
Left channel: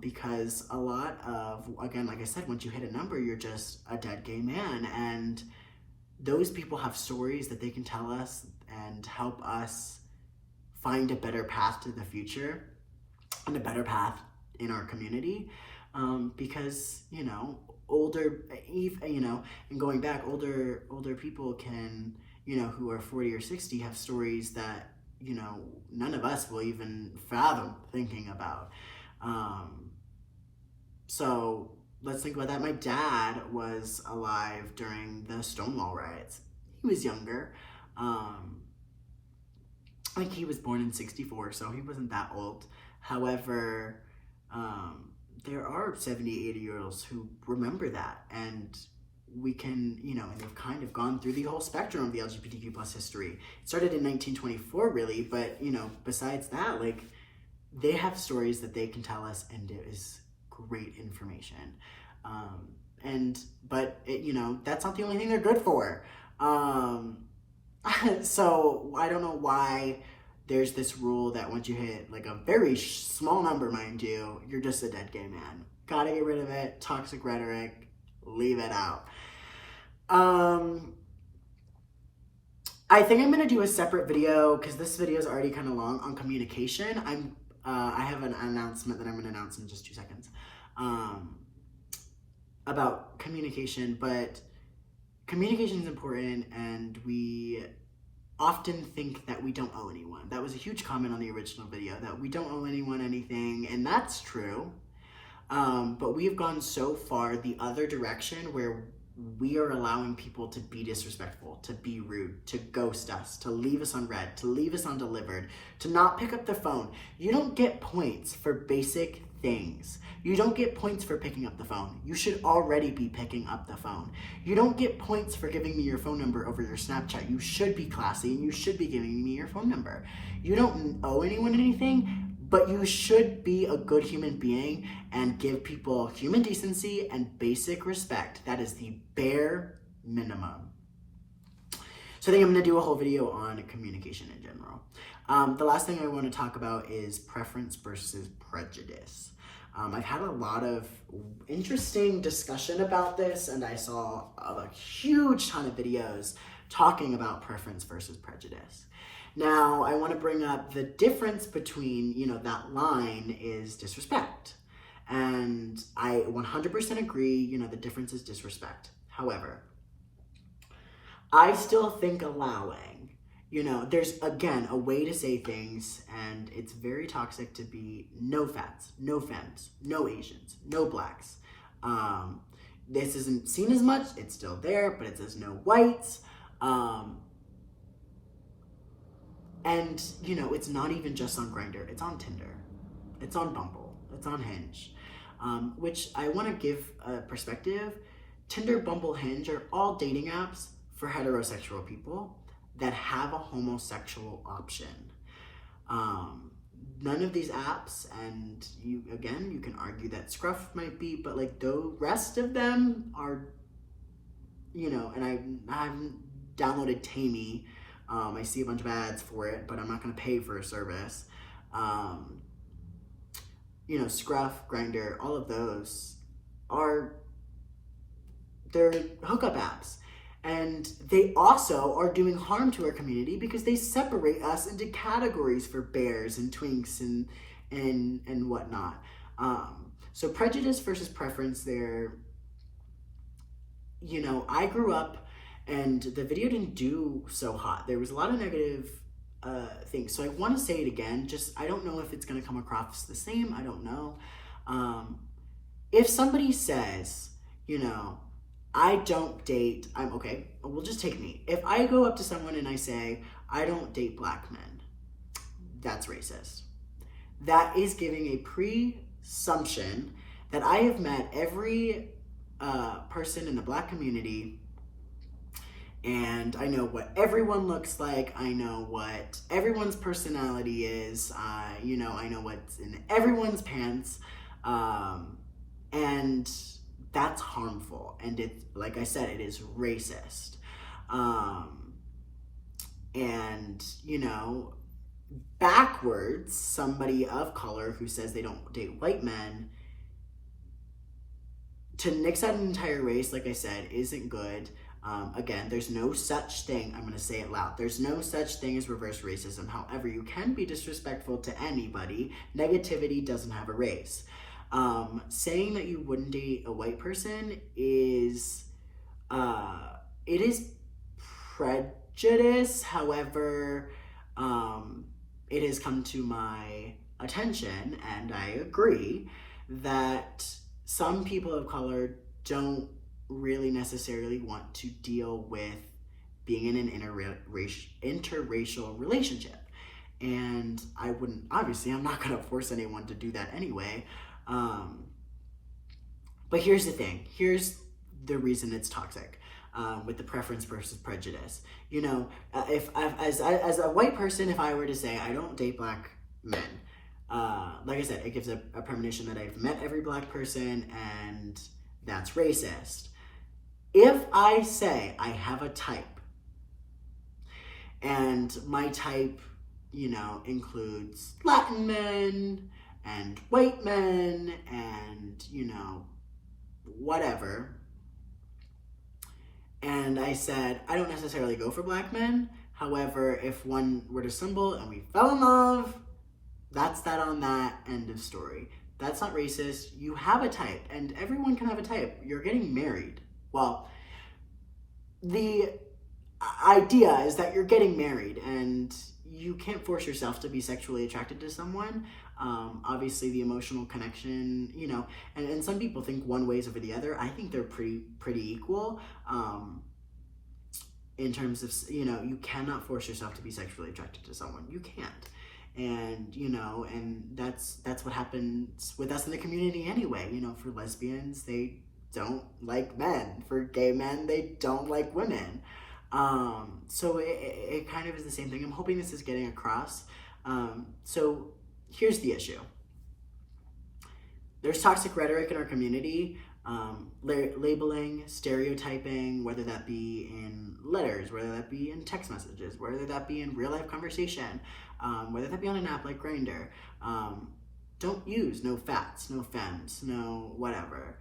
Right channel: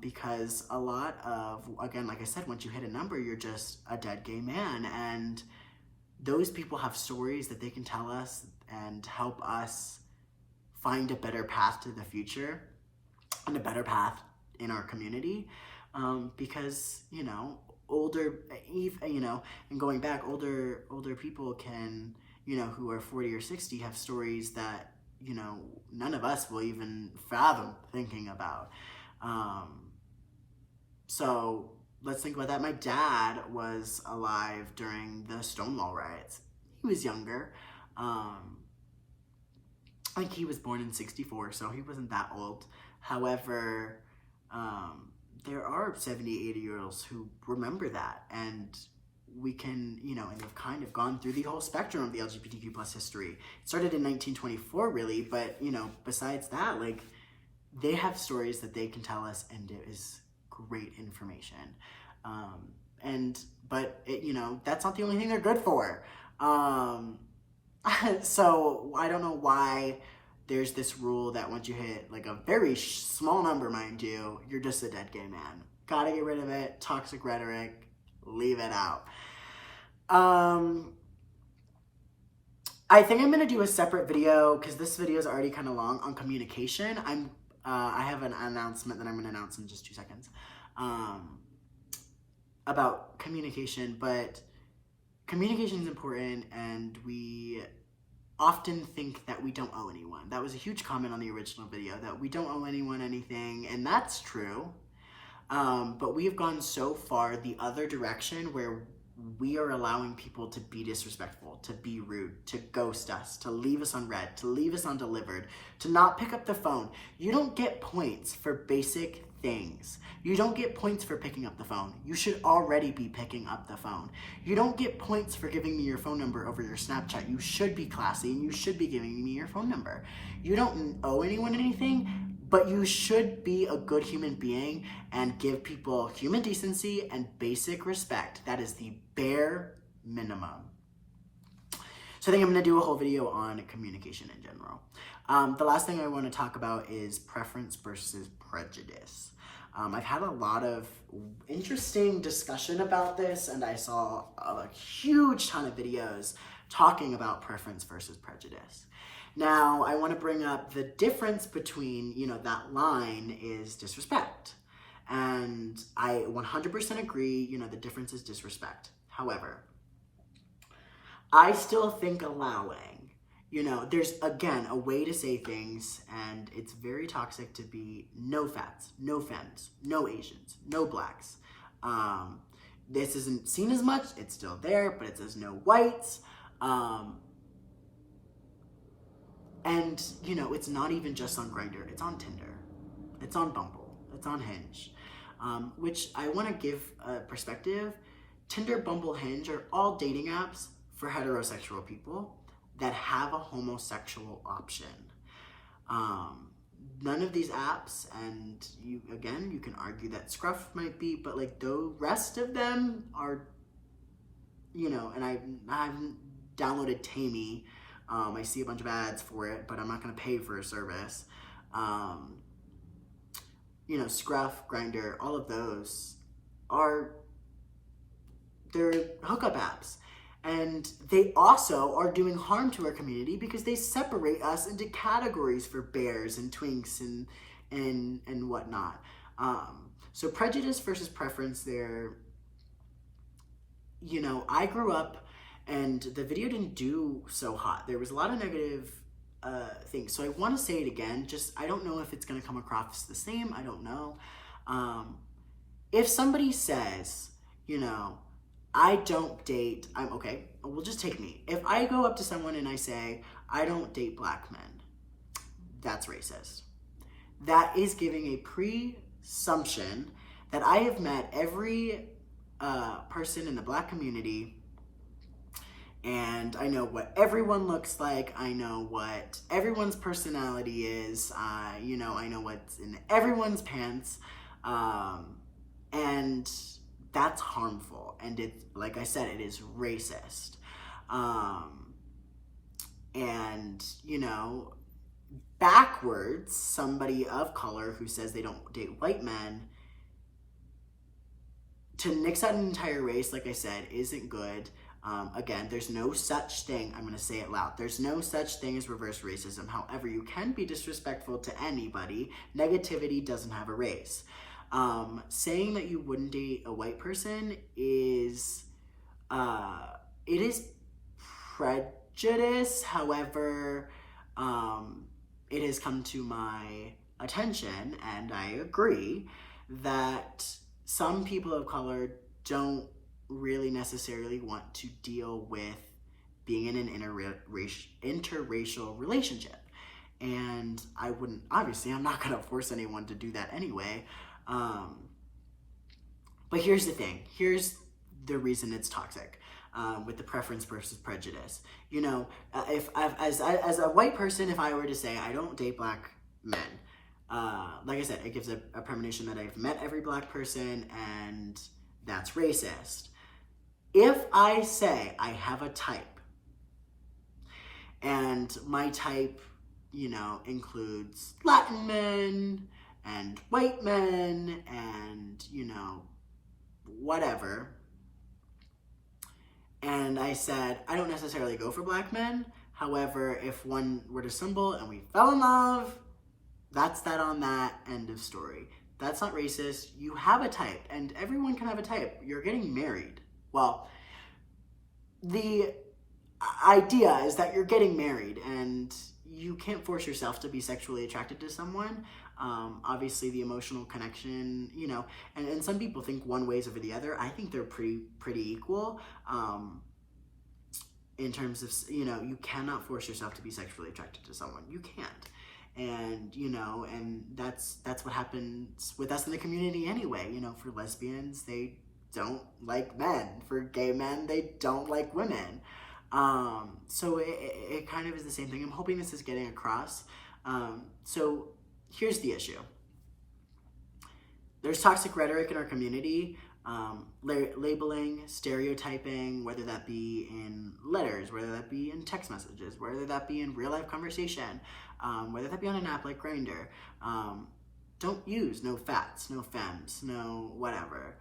Because a lot of, again, like I said, once you hit a number, you're just a dead gay man. And those people have stories that they can tell us and help us find a better path to the future and a better path in our community. Because, older, and going back, older people can, who are 40 or 60 have stories that, none of us will even fathom thinking about. So let's think about that. My dad was alive during the Stonewall riots. He was younger. I think he was born in 64, so he wasn't that old. However, there are 70, 80-year-olds who remember that, and we can, and they've kind of gone through the whole spectrum of the LGBTQ plus history. It started in 1924, really, but, besides that, they have stories that they can tell us, and it is great information. But that's not the only thing they're good for. So I don't know why there's this rule that once you hit a very small number, mind you, you're just a dead gay man. Gotta get rid of it. Toxic rhetoric. Leave it out. I think I'm gonna do a separate video because this video is already kind of long on communication. I have an announcement that I'm gonna announce in just 2 seconds about communication, but communication is important, and we often think that we don't owe anyone. That was a huge comment on the original video, that we don't owe anyone anything, and that's true. But we have gone so far the other direction where we are allowing people to be disrespectful, to be rude, to ghost us, to leave us unread, to leave us undelivered, to not pick up the phone. You don't get points for basic things. You don't get points for picking up the phone. You should already be picking up the phone. You don't get points for giving me your phone number over your Snapchat. You should be classy, and you should be giving me your phone number. You don't owe anyone anything, but you should be a good human being and give people human decency and basic respect. That is the bare minimum. So I think I'm gonna do a whole video on communication in general. The last thing I wanna talk about is preference versus prejudice. I've had a lot of interesting discussion about this, and I saw a huge ton of videos talking about preference versus prejudice. Now, I want to bring up the difference between, that line is disrespect. And I 100% agree, the difference is disrespect. However, I still think allowing, there's, again, a way to say things, and it's very toxic to be no fats, no femmes, no Asians, no blacks. This isn't seen as much, it's still there, but it says no whites. And, it's not even just on Grindr. It's on Tinder. It's on Bumble. It's on Hinge. Which I want to give a perspective. Tinder, Bumble, Hinge are all dating apps for heterosexual people that have a homosexual option. None of these apps, and you can argue that Scruff might be, but the rest of them are, and I haven't downloaded Tammy. I see a bunch of ads for it, but I'm not going to pay for a service. Scruff, Grindr, all of those they're hookup apps. And they also are doing harm to our community because they separate us into categories for bears and twinks and whatnot. So prejudice versus preference there, you know, I grew up and the video didn't do so hot. There was a lot of negative things. So I want to say it again. Just, I don't know if it's going to come across the same. I don't know. If somebody says, you know, I don't date, I'm okay, we'll just take me. If I go up to someone and I say, I don't date black men, that's racist. That is giving a presumption that I have met every person in the black community, and I know what everyone looks like. I know what everyone's personality is. You know, I know what's in everyone's pants, and that's harmful. And it's, like I said, it is racist. And, you know, backwards, somebody of color who says they don't date white men, to nix out an entire race, like I said, isn't good. Again, there's no such thing, I'm going to say it loud, there's no such thing as reverse racism. However, you can be disrespectful to anybody. Negativity doesn't have a race. Saying that you wouldn't date a white person is, it is prejudice. However, it has come to my attention, and I agree, that some people of color don't really necessarily want to deal with being in an interracial relationship. And I wouldn't, obviously, I'm not going to force anyone to do that anyway. But here's the thing. Here's the reason it's toxic with the preference versus prejudice. You know, if as a white person, if I were to say I don't date black men, like I said, it gives a premonition that I've met every black person, and that's racist. If I say I have a type, and my type, you know, includes Latin men and white men and, you know, whatever, and I said I don't necessarily go for black men, however, if one were to stumble and we fell in love, that's that on that, end of story. That's not racist. You have a type, and everyone can have a type. You're getting married. Well, the idea is that you're getting married, and you can't force yourself to be sexually attracted to someone. Obviously, the emotional connection, you know, and some people think one way is over the other. I think they're pretty equal. In terms of, you know, you cannot force yourself to be sexually attracted to someone. You can't. And, you know, and that's what happens with us in the community anyway. You know, for lesbians, they don't like men. For gay men, they don't like women. So it kind of is the same thing. I'm hoping this is getting across. So here's the issue. There's toxic rhetoric in our community, labeling, stereotyping, whether that be in letters, whether that be in text messages, whether that be in real life conversation, whether that be on an app like Grindr. Don't use no fats, no femmes, no whatever.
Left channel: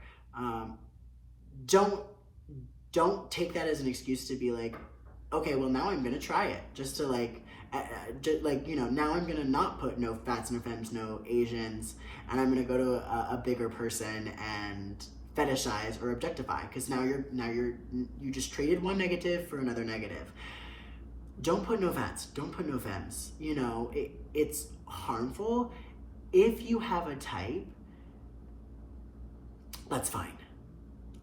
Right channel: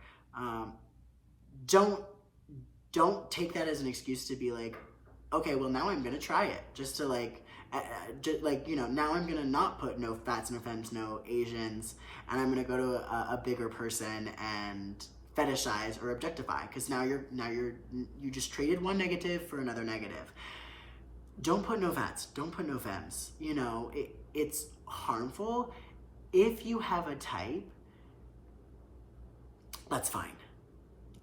Don't take that as an excuse to be like, okay, well, now I'm gonna try it, just to like, you know, now I'm gonna not put no fats, no femmes, no Asians, and I'm gonna go to a bigger person and fetishize or objectify, because now you just traded one negative for another negative. Don't put no fats, don't put no femmes. You know, it's harmful. If you have a type, that's fine.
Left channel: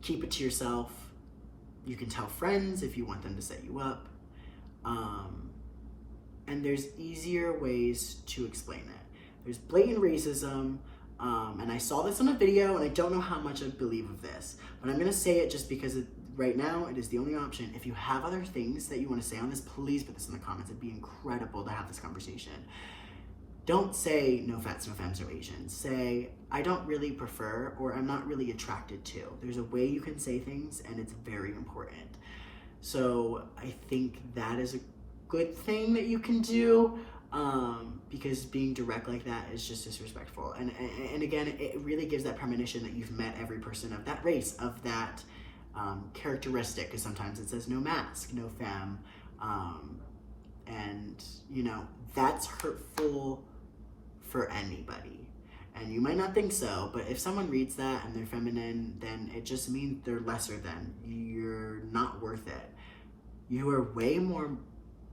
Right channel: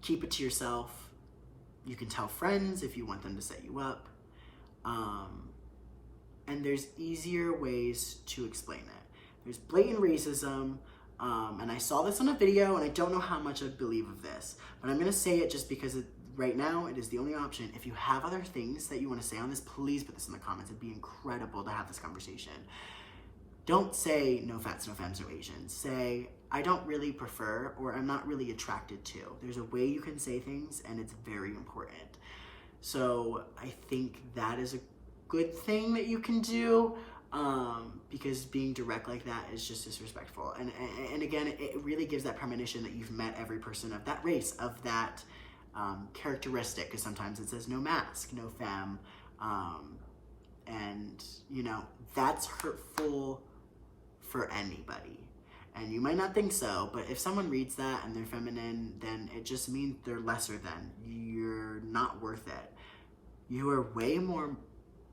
Keep it to yourself. You can tell friends if you want them to set you up. And there's easier ways to explain it. There's blatant racism, and I saw this on a video, and I don't know how much I believe of this, but I'm gonna say it just because right now it is the only option. If you have other things that you wanna say on this, please put this in the comments. It'd be incredible to have this conversation. Don't say no fats, no femmes, no Asians. Say, I don't really prefer, or I'm not really attracted to. There's a way you can say things, and it's very important. So I think that is a good thing that you can do, because being direct like that is just disrespectful. And again, it really gives that premonition that you've met every person of that race, of that characteristic, because sometimes it says no mask, no femme, and you know, that's hurtful for anybody. And you might not think so, but if someone reads that and they're feminine, then it just means they're lesser than. You're not worth it. You are way more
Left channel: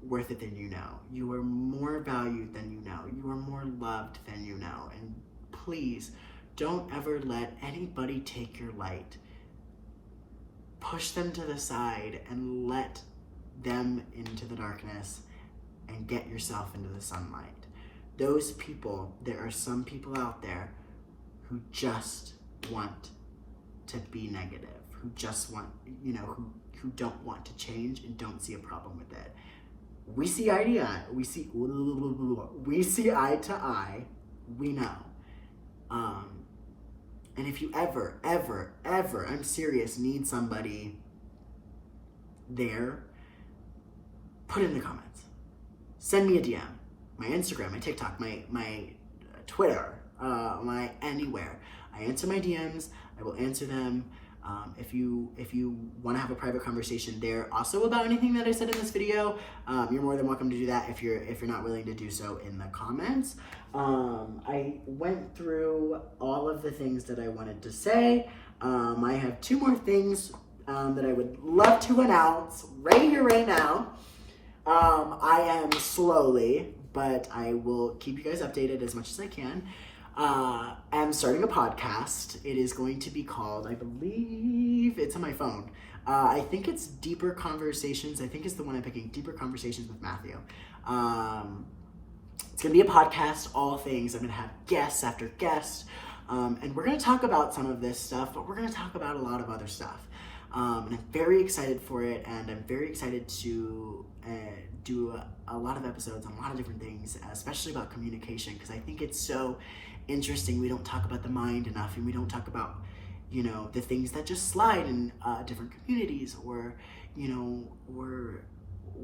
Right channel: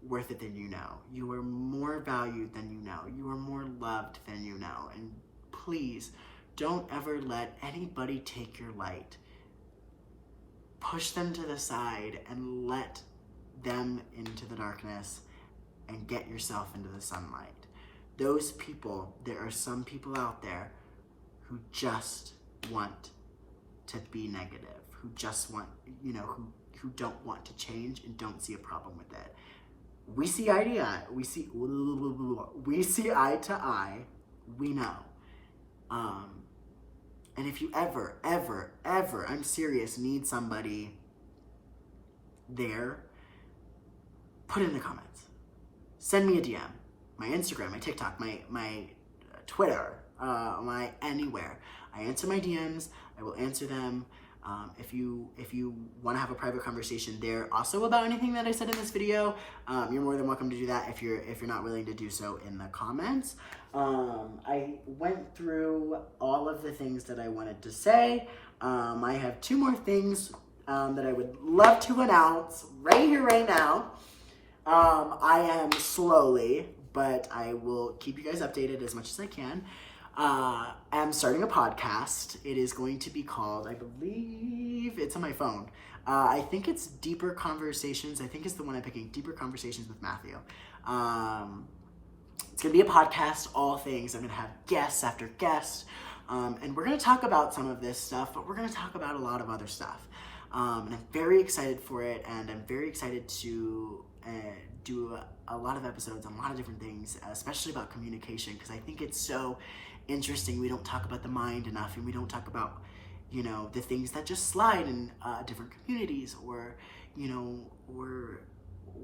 worth it than you know. You are more valued than you know. You are more loved than you know. And please, don't ever let anybody take your light. Push them to the side and let them into the darkness and get yourself into the sunlight. Those people, there are some people out there who just want to be negative, who just want, you know, who don't want to change and don't see a problem with it. We see eye to eye, we see eye to eye, we know. And if you ever, I'm serious, need somebody there, put it in the comments. Send me a DM. My Instagram, my TikTok, my Twitter, my anywhere. I answer my DMs. I will answer them. If you want to have a private conversation there, also about anything that I said in this video, you're more than welcome to do that. If you're not willing to do so, in the comments. I went through all of the things that I wanted to say. I have 2 more things that I would love to announce right here, right now. I am slowly, but I will keep you guys updated as much as I can. I'm starting a podcast. It is going to be called, I believe, it's on my phone. I think it's Deeper Conversations. I think it's the one I'm picking, Deeper Conversations with Matthew. It's going to be a podcast, all things. I'm going to have guests after guests. And we're going to talk about some of this stuff, but we're going to talk about a lot of other stuff. And I'm very excited for it, and I'm very excited to do a lot of episodes on a lot of different things, especially about communication, because I think it's so interesting. We don't talk about the mind enough, and we don't talk about, you know, the things that just slide in different communities, or, you know, or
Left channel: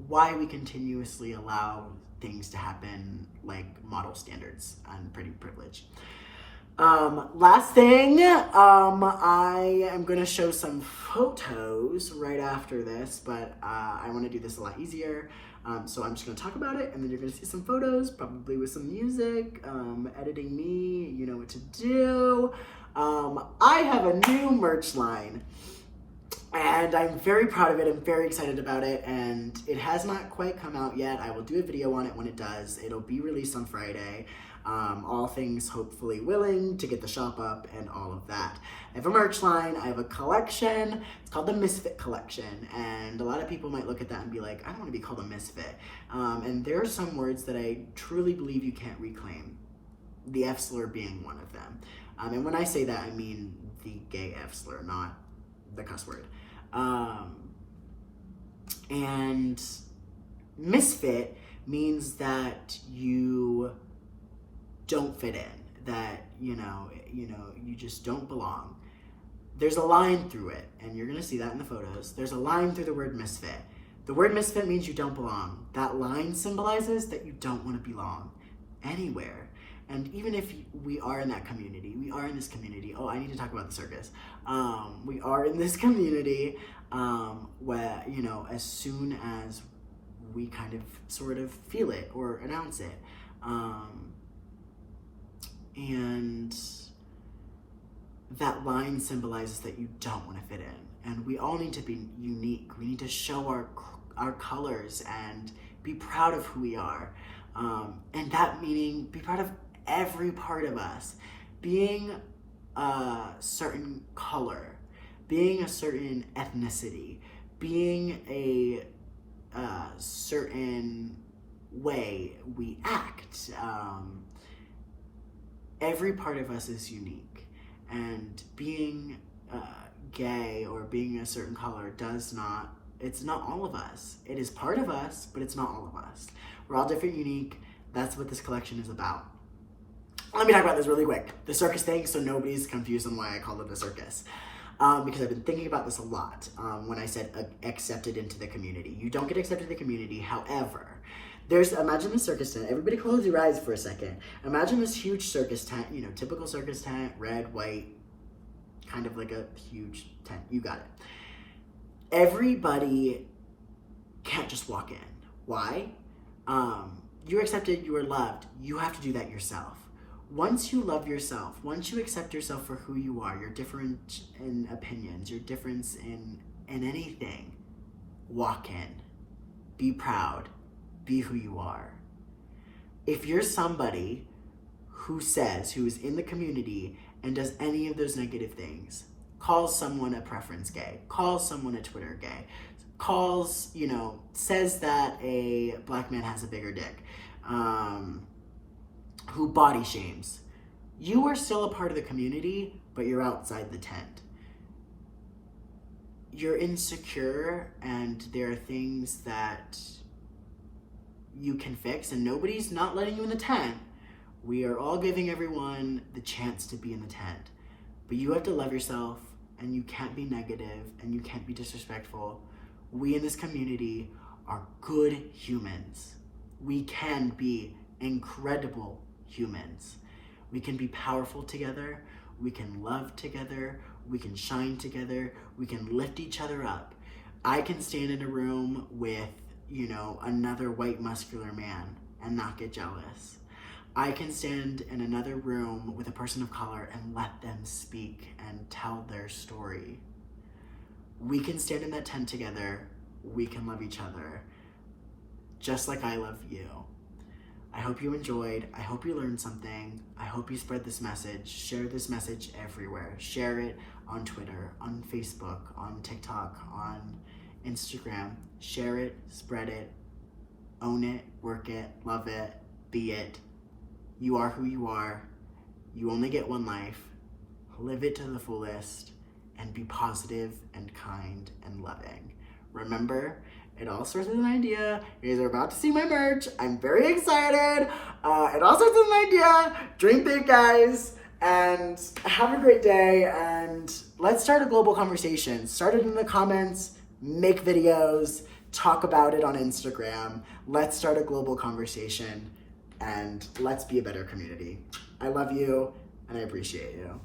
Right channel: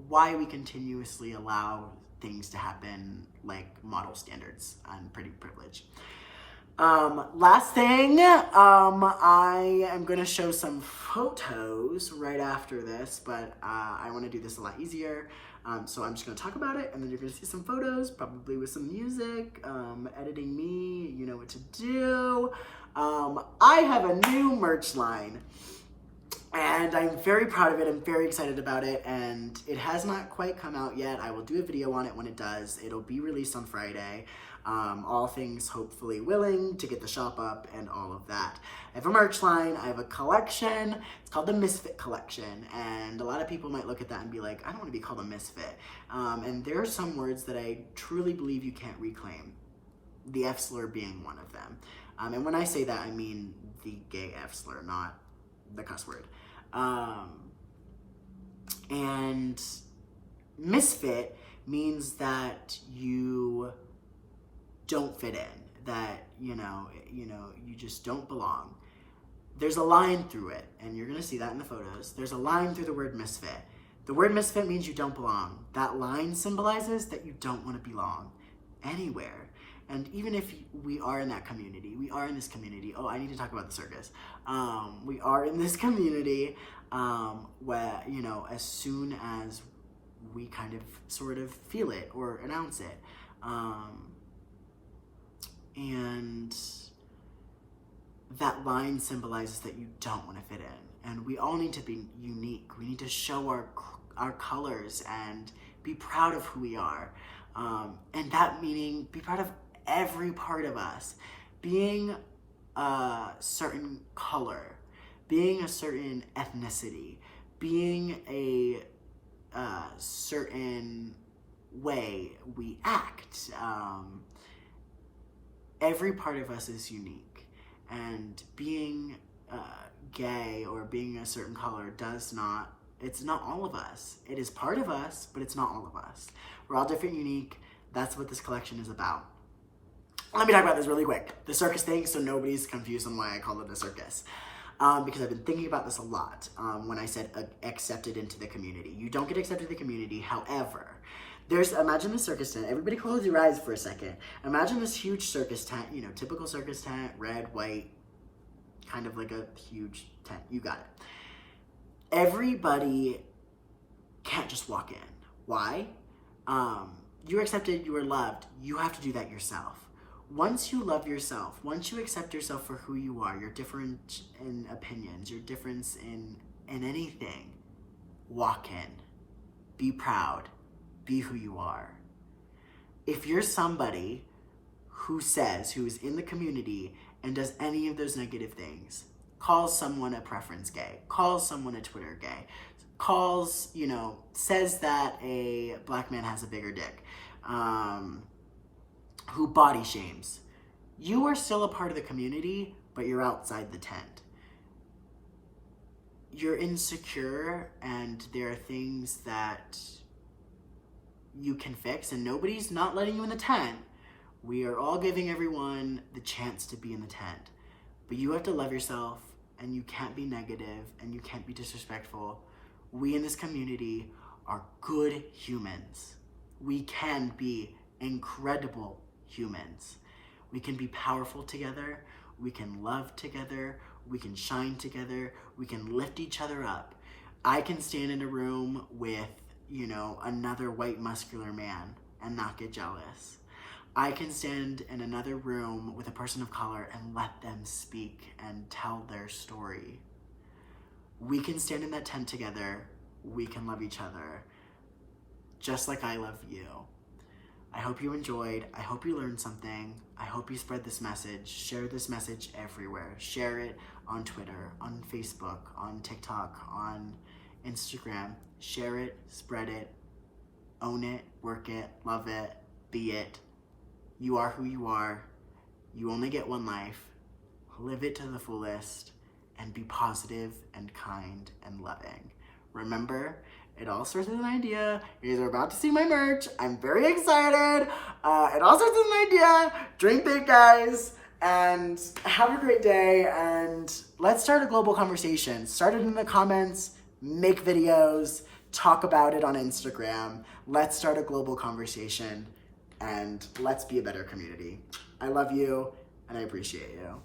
why we continuously allow things to happen, like model standards and pretty privilege. Last thing, I am going to show some photos right after this, but I want to do this a lot easier. So I'm just going to talk about it, and then you're going to see some photos, probably with some music, editing me, you know what to do. I have a new merch line, and I'm very proud of it. I'm very excited about it, and it has not quite come out yet. I will do a video on it when it does. It'll be released on Friday. All things hopefully willing to get the shop up and all of that. I have a merch line, I have a collection, it's called the Misfit Collection, and a lot of people might look at that and be like, I don't want to be called a misfit. And there are some words that I truly believe you can't reclaim, the F slur being one of them. And when I say that, I mean the gay F slur, not the cuss word. And misfit means that you don't fit in, that, you know, you just don't belong. There's a line through it, and you're gonna see that in the photos. There's a line through the word misfit. The word misfit means you don't belong. That line symbolizes that you don't want to belong anywhere. And even if we are in that community, we are in this community. Oh, I need to talk about the circus. We are in this community where, you know, as soon as we kind of sort of feel it or announce it, and that line symbolizes that you don't want to fit in. And we all need to be unique. We need to show our colors and be proud of who we are. And that meaning be proud of every part of us. Being a certain color, being a certain ethnicity, being a certain way we act. Every part of us is unique, and being gay or being a certain color it's not all of us. It is part of us, but it's not all of us. We're all different, unique. That's what this collection is about. Let me talk about this really quick. The circus thing, so nobody's confused on why I call it the circus. Because I've been thinking about this a lot when I said accepted into the community. You don't get accepted in the community, however, imagine the circus tent. Everybody close your eyes for a second. Imagine this huge circus tent, you know, typical circus tent, red, white, kind of like a huge tent. You got it. everybody can't just walk in. Why? You're accepted, you are loved. You have to do that yourself. Once you love yourself, once you accept yourself for who you are, your difference in opinions, your difference in anything, walk in. Be proud. Be who you are. If you're somebody who is in the community and does any of those negative things, calls someone a preference gay, calls someone a Twitter gay, says that a black man has a bigger dick, who body shames, you are still a part of the community, but you're outside the tent. You're insecure, and there are things that you can fix, and nobody's not letting you in the tent. We are all giving everyone the chance to be in the tent. But you have to love yourself, and you can't be negative, and you can't be disrespectful. We in this community are good humans. We can be incredible humans. We can be powerful together. We can love together. We can shine together. We can lift each other up. I can stand in a room with, another white muscular man and not get jealous. I can stand in another room with a person of color and let them speak and tell their story. We can stand in that tent together. We can love each other, just like I love you. I hope you enjoyed. I hope you learned something. I hope you spread this message. Share this message everywhere. Share it on Twitter, on Facebook, on TikTok, on Instagram. Share it, spread it, own it, work it, love it, be it. You are who you are. You only get one life. Live it to the fullest and be positive and kind and loving. Remember, it all starts with an idea. You guys are about to see my merch. I'm very excited. It all starts with an idea. Drink big, guys. And have a great day. And let's start a global conversation. Start it in the comments. Make videos. Talk about it on Instagram. Let's start a global conversation. And let's be a better community. I love you, and I appreciate you.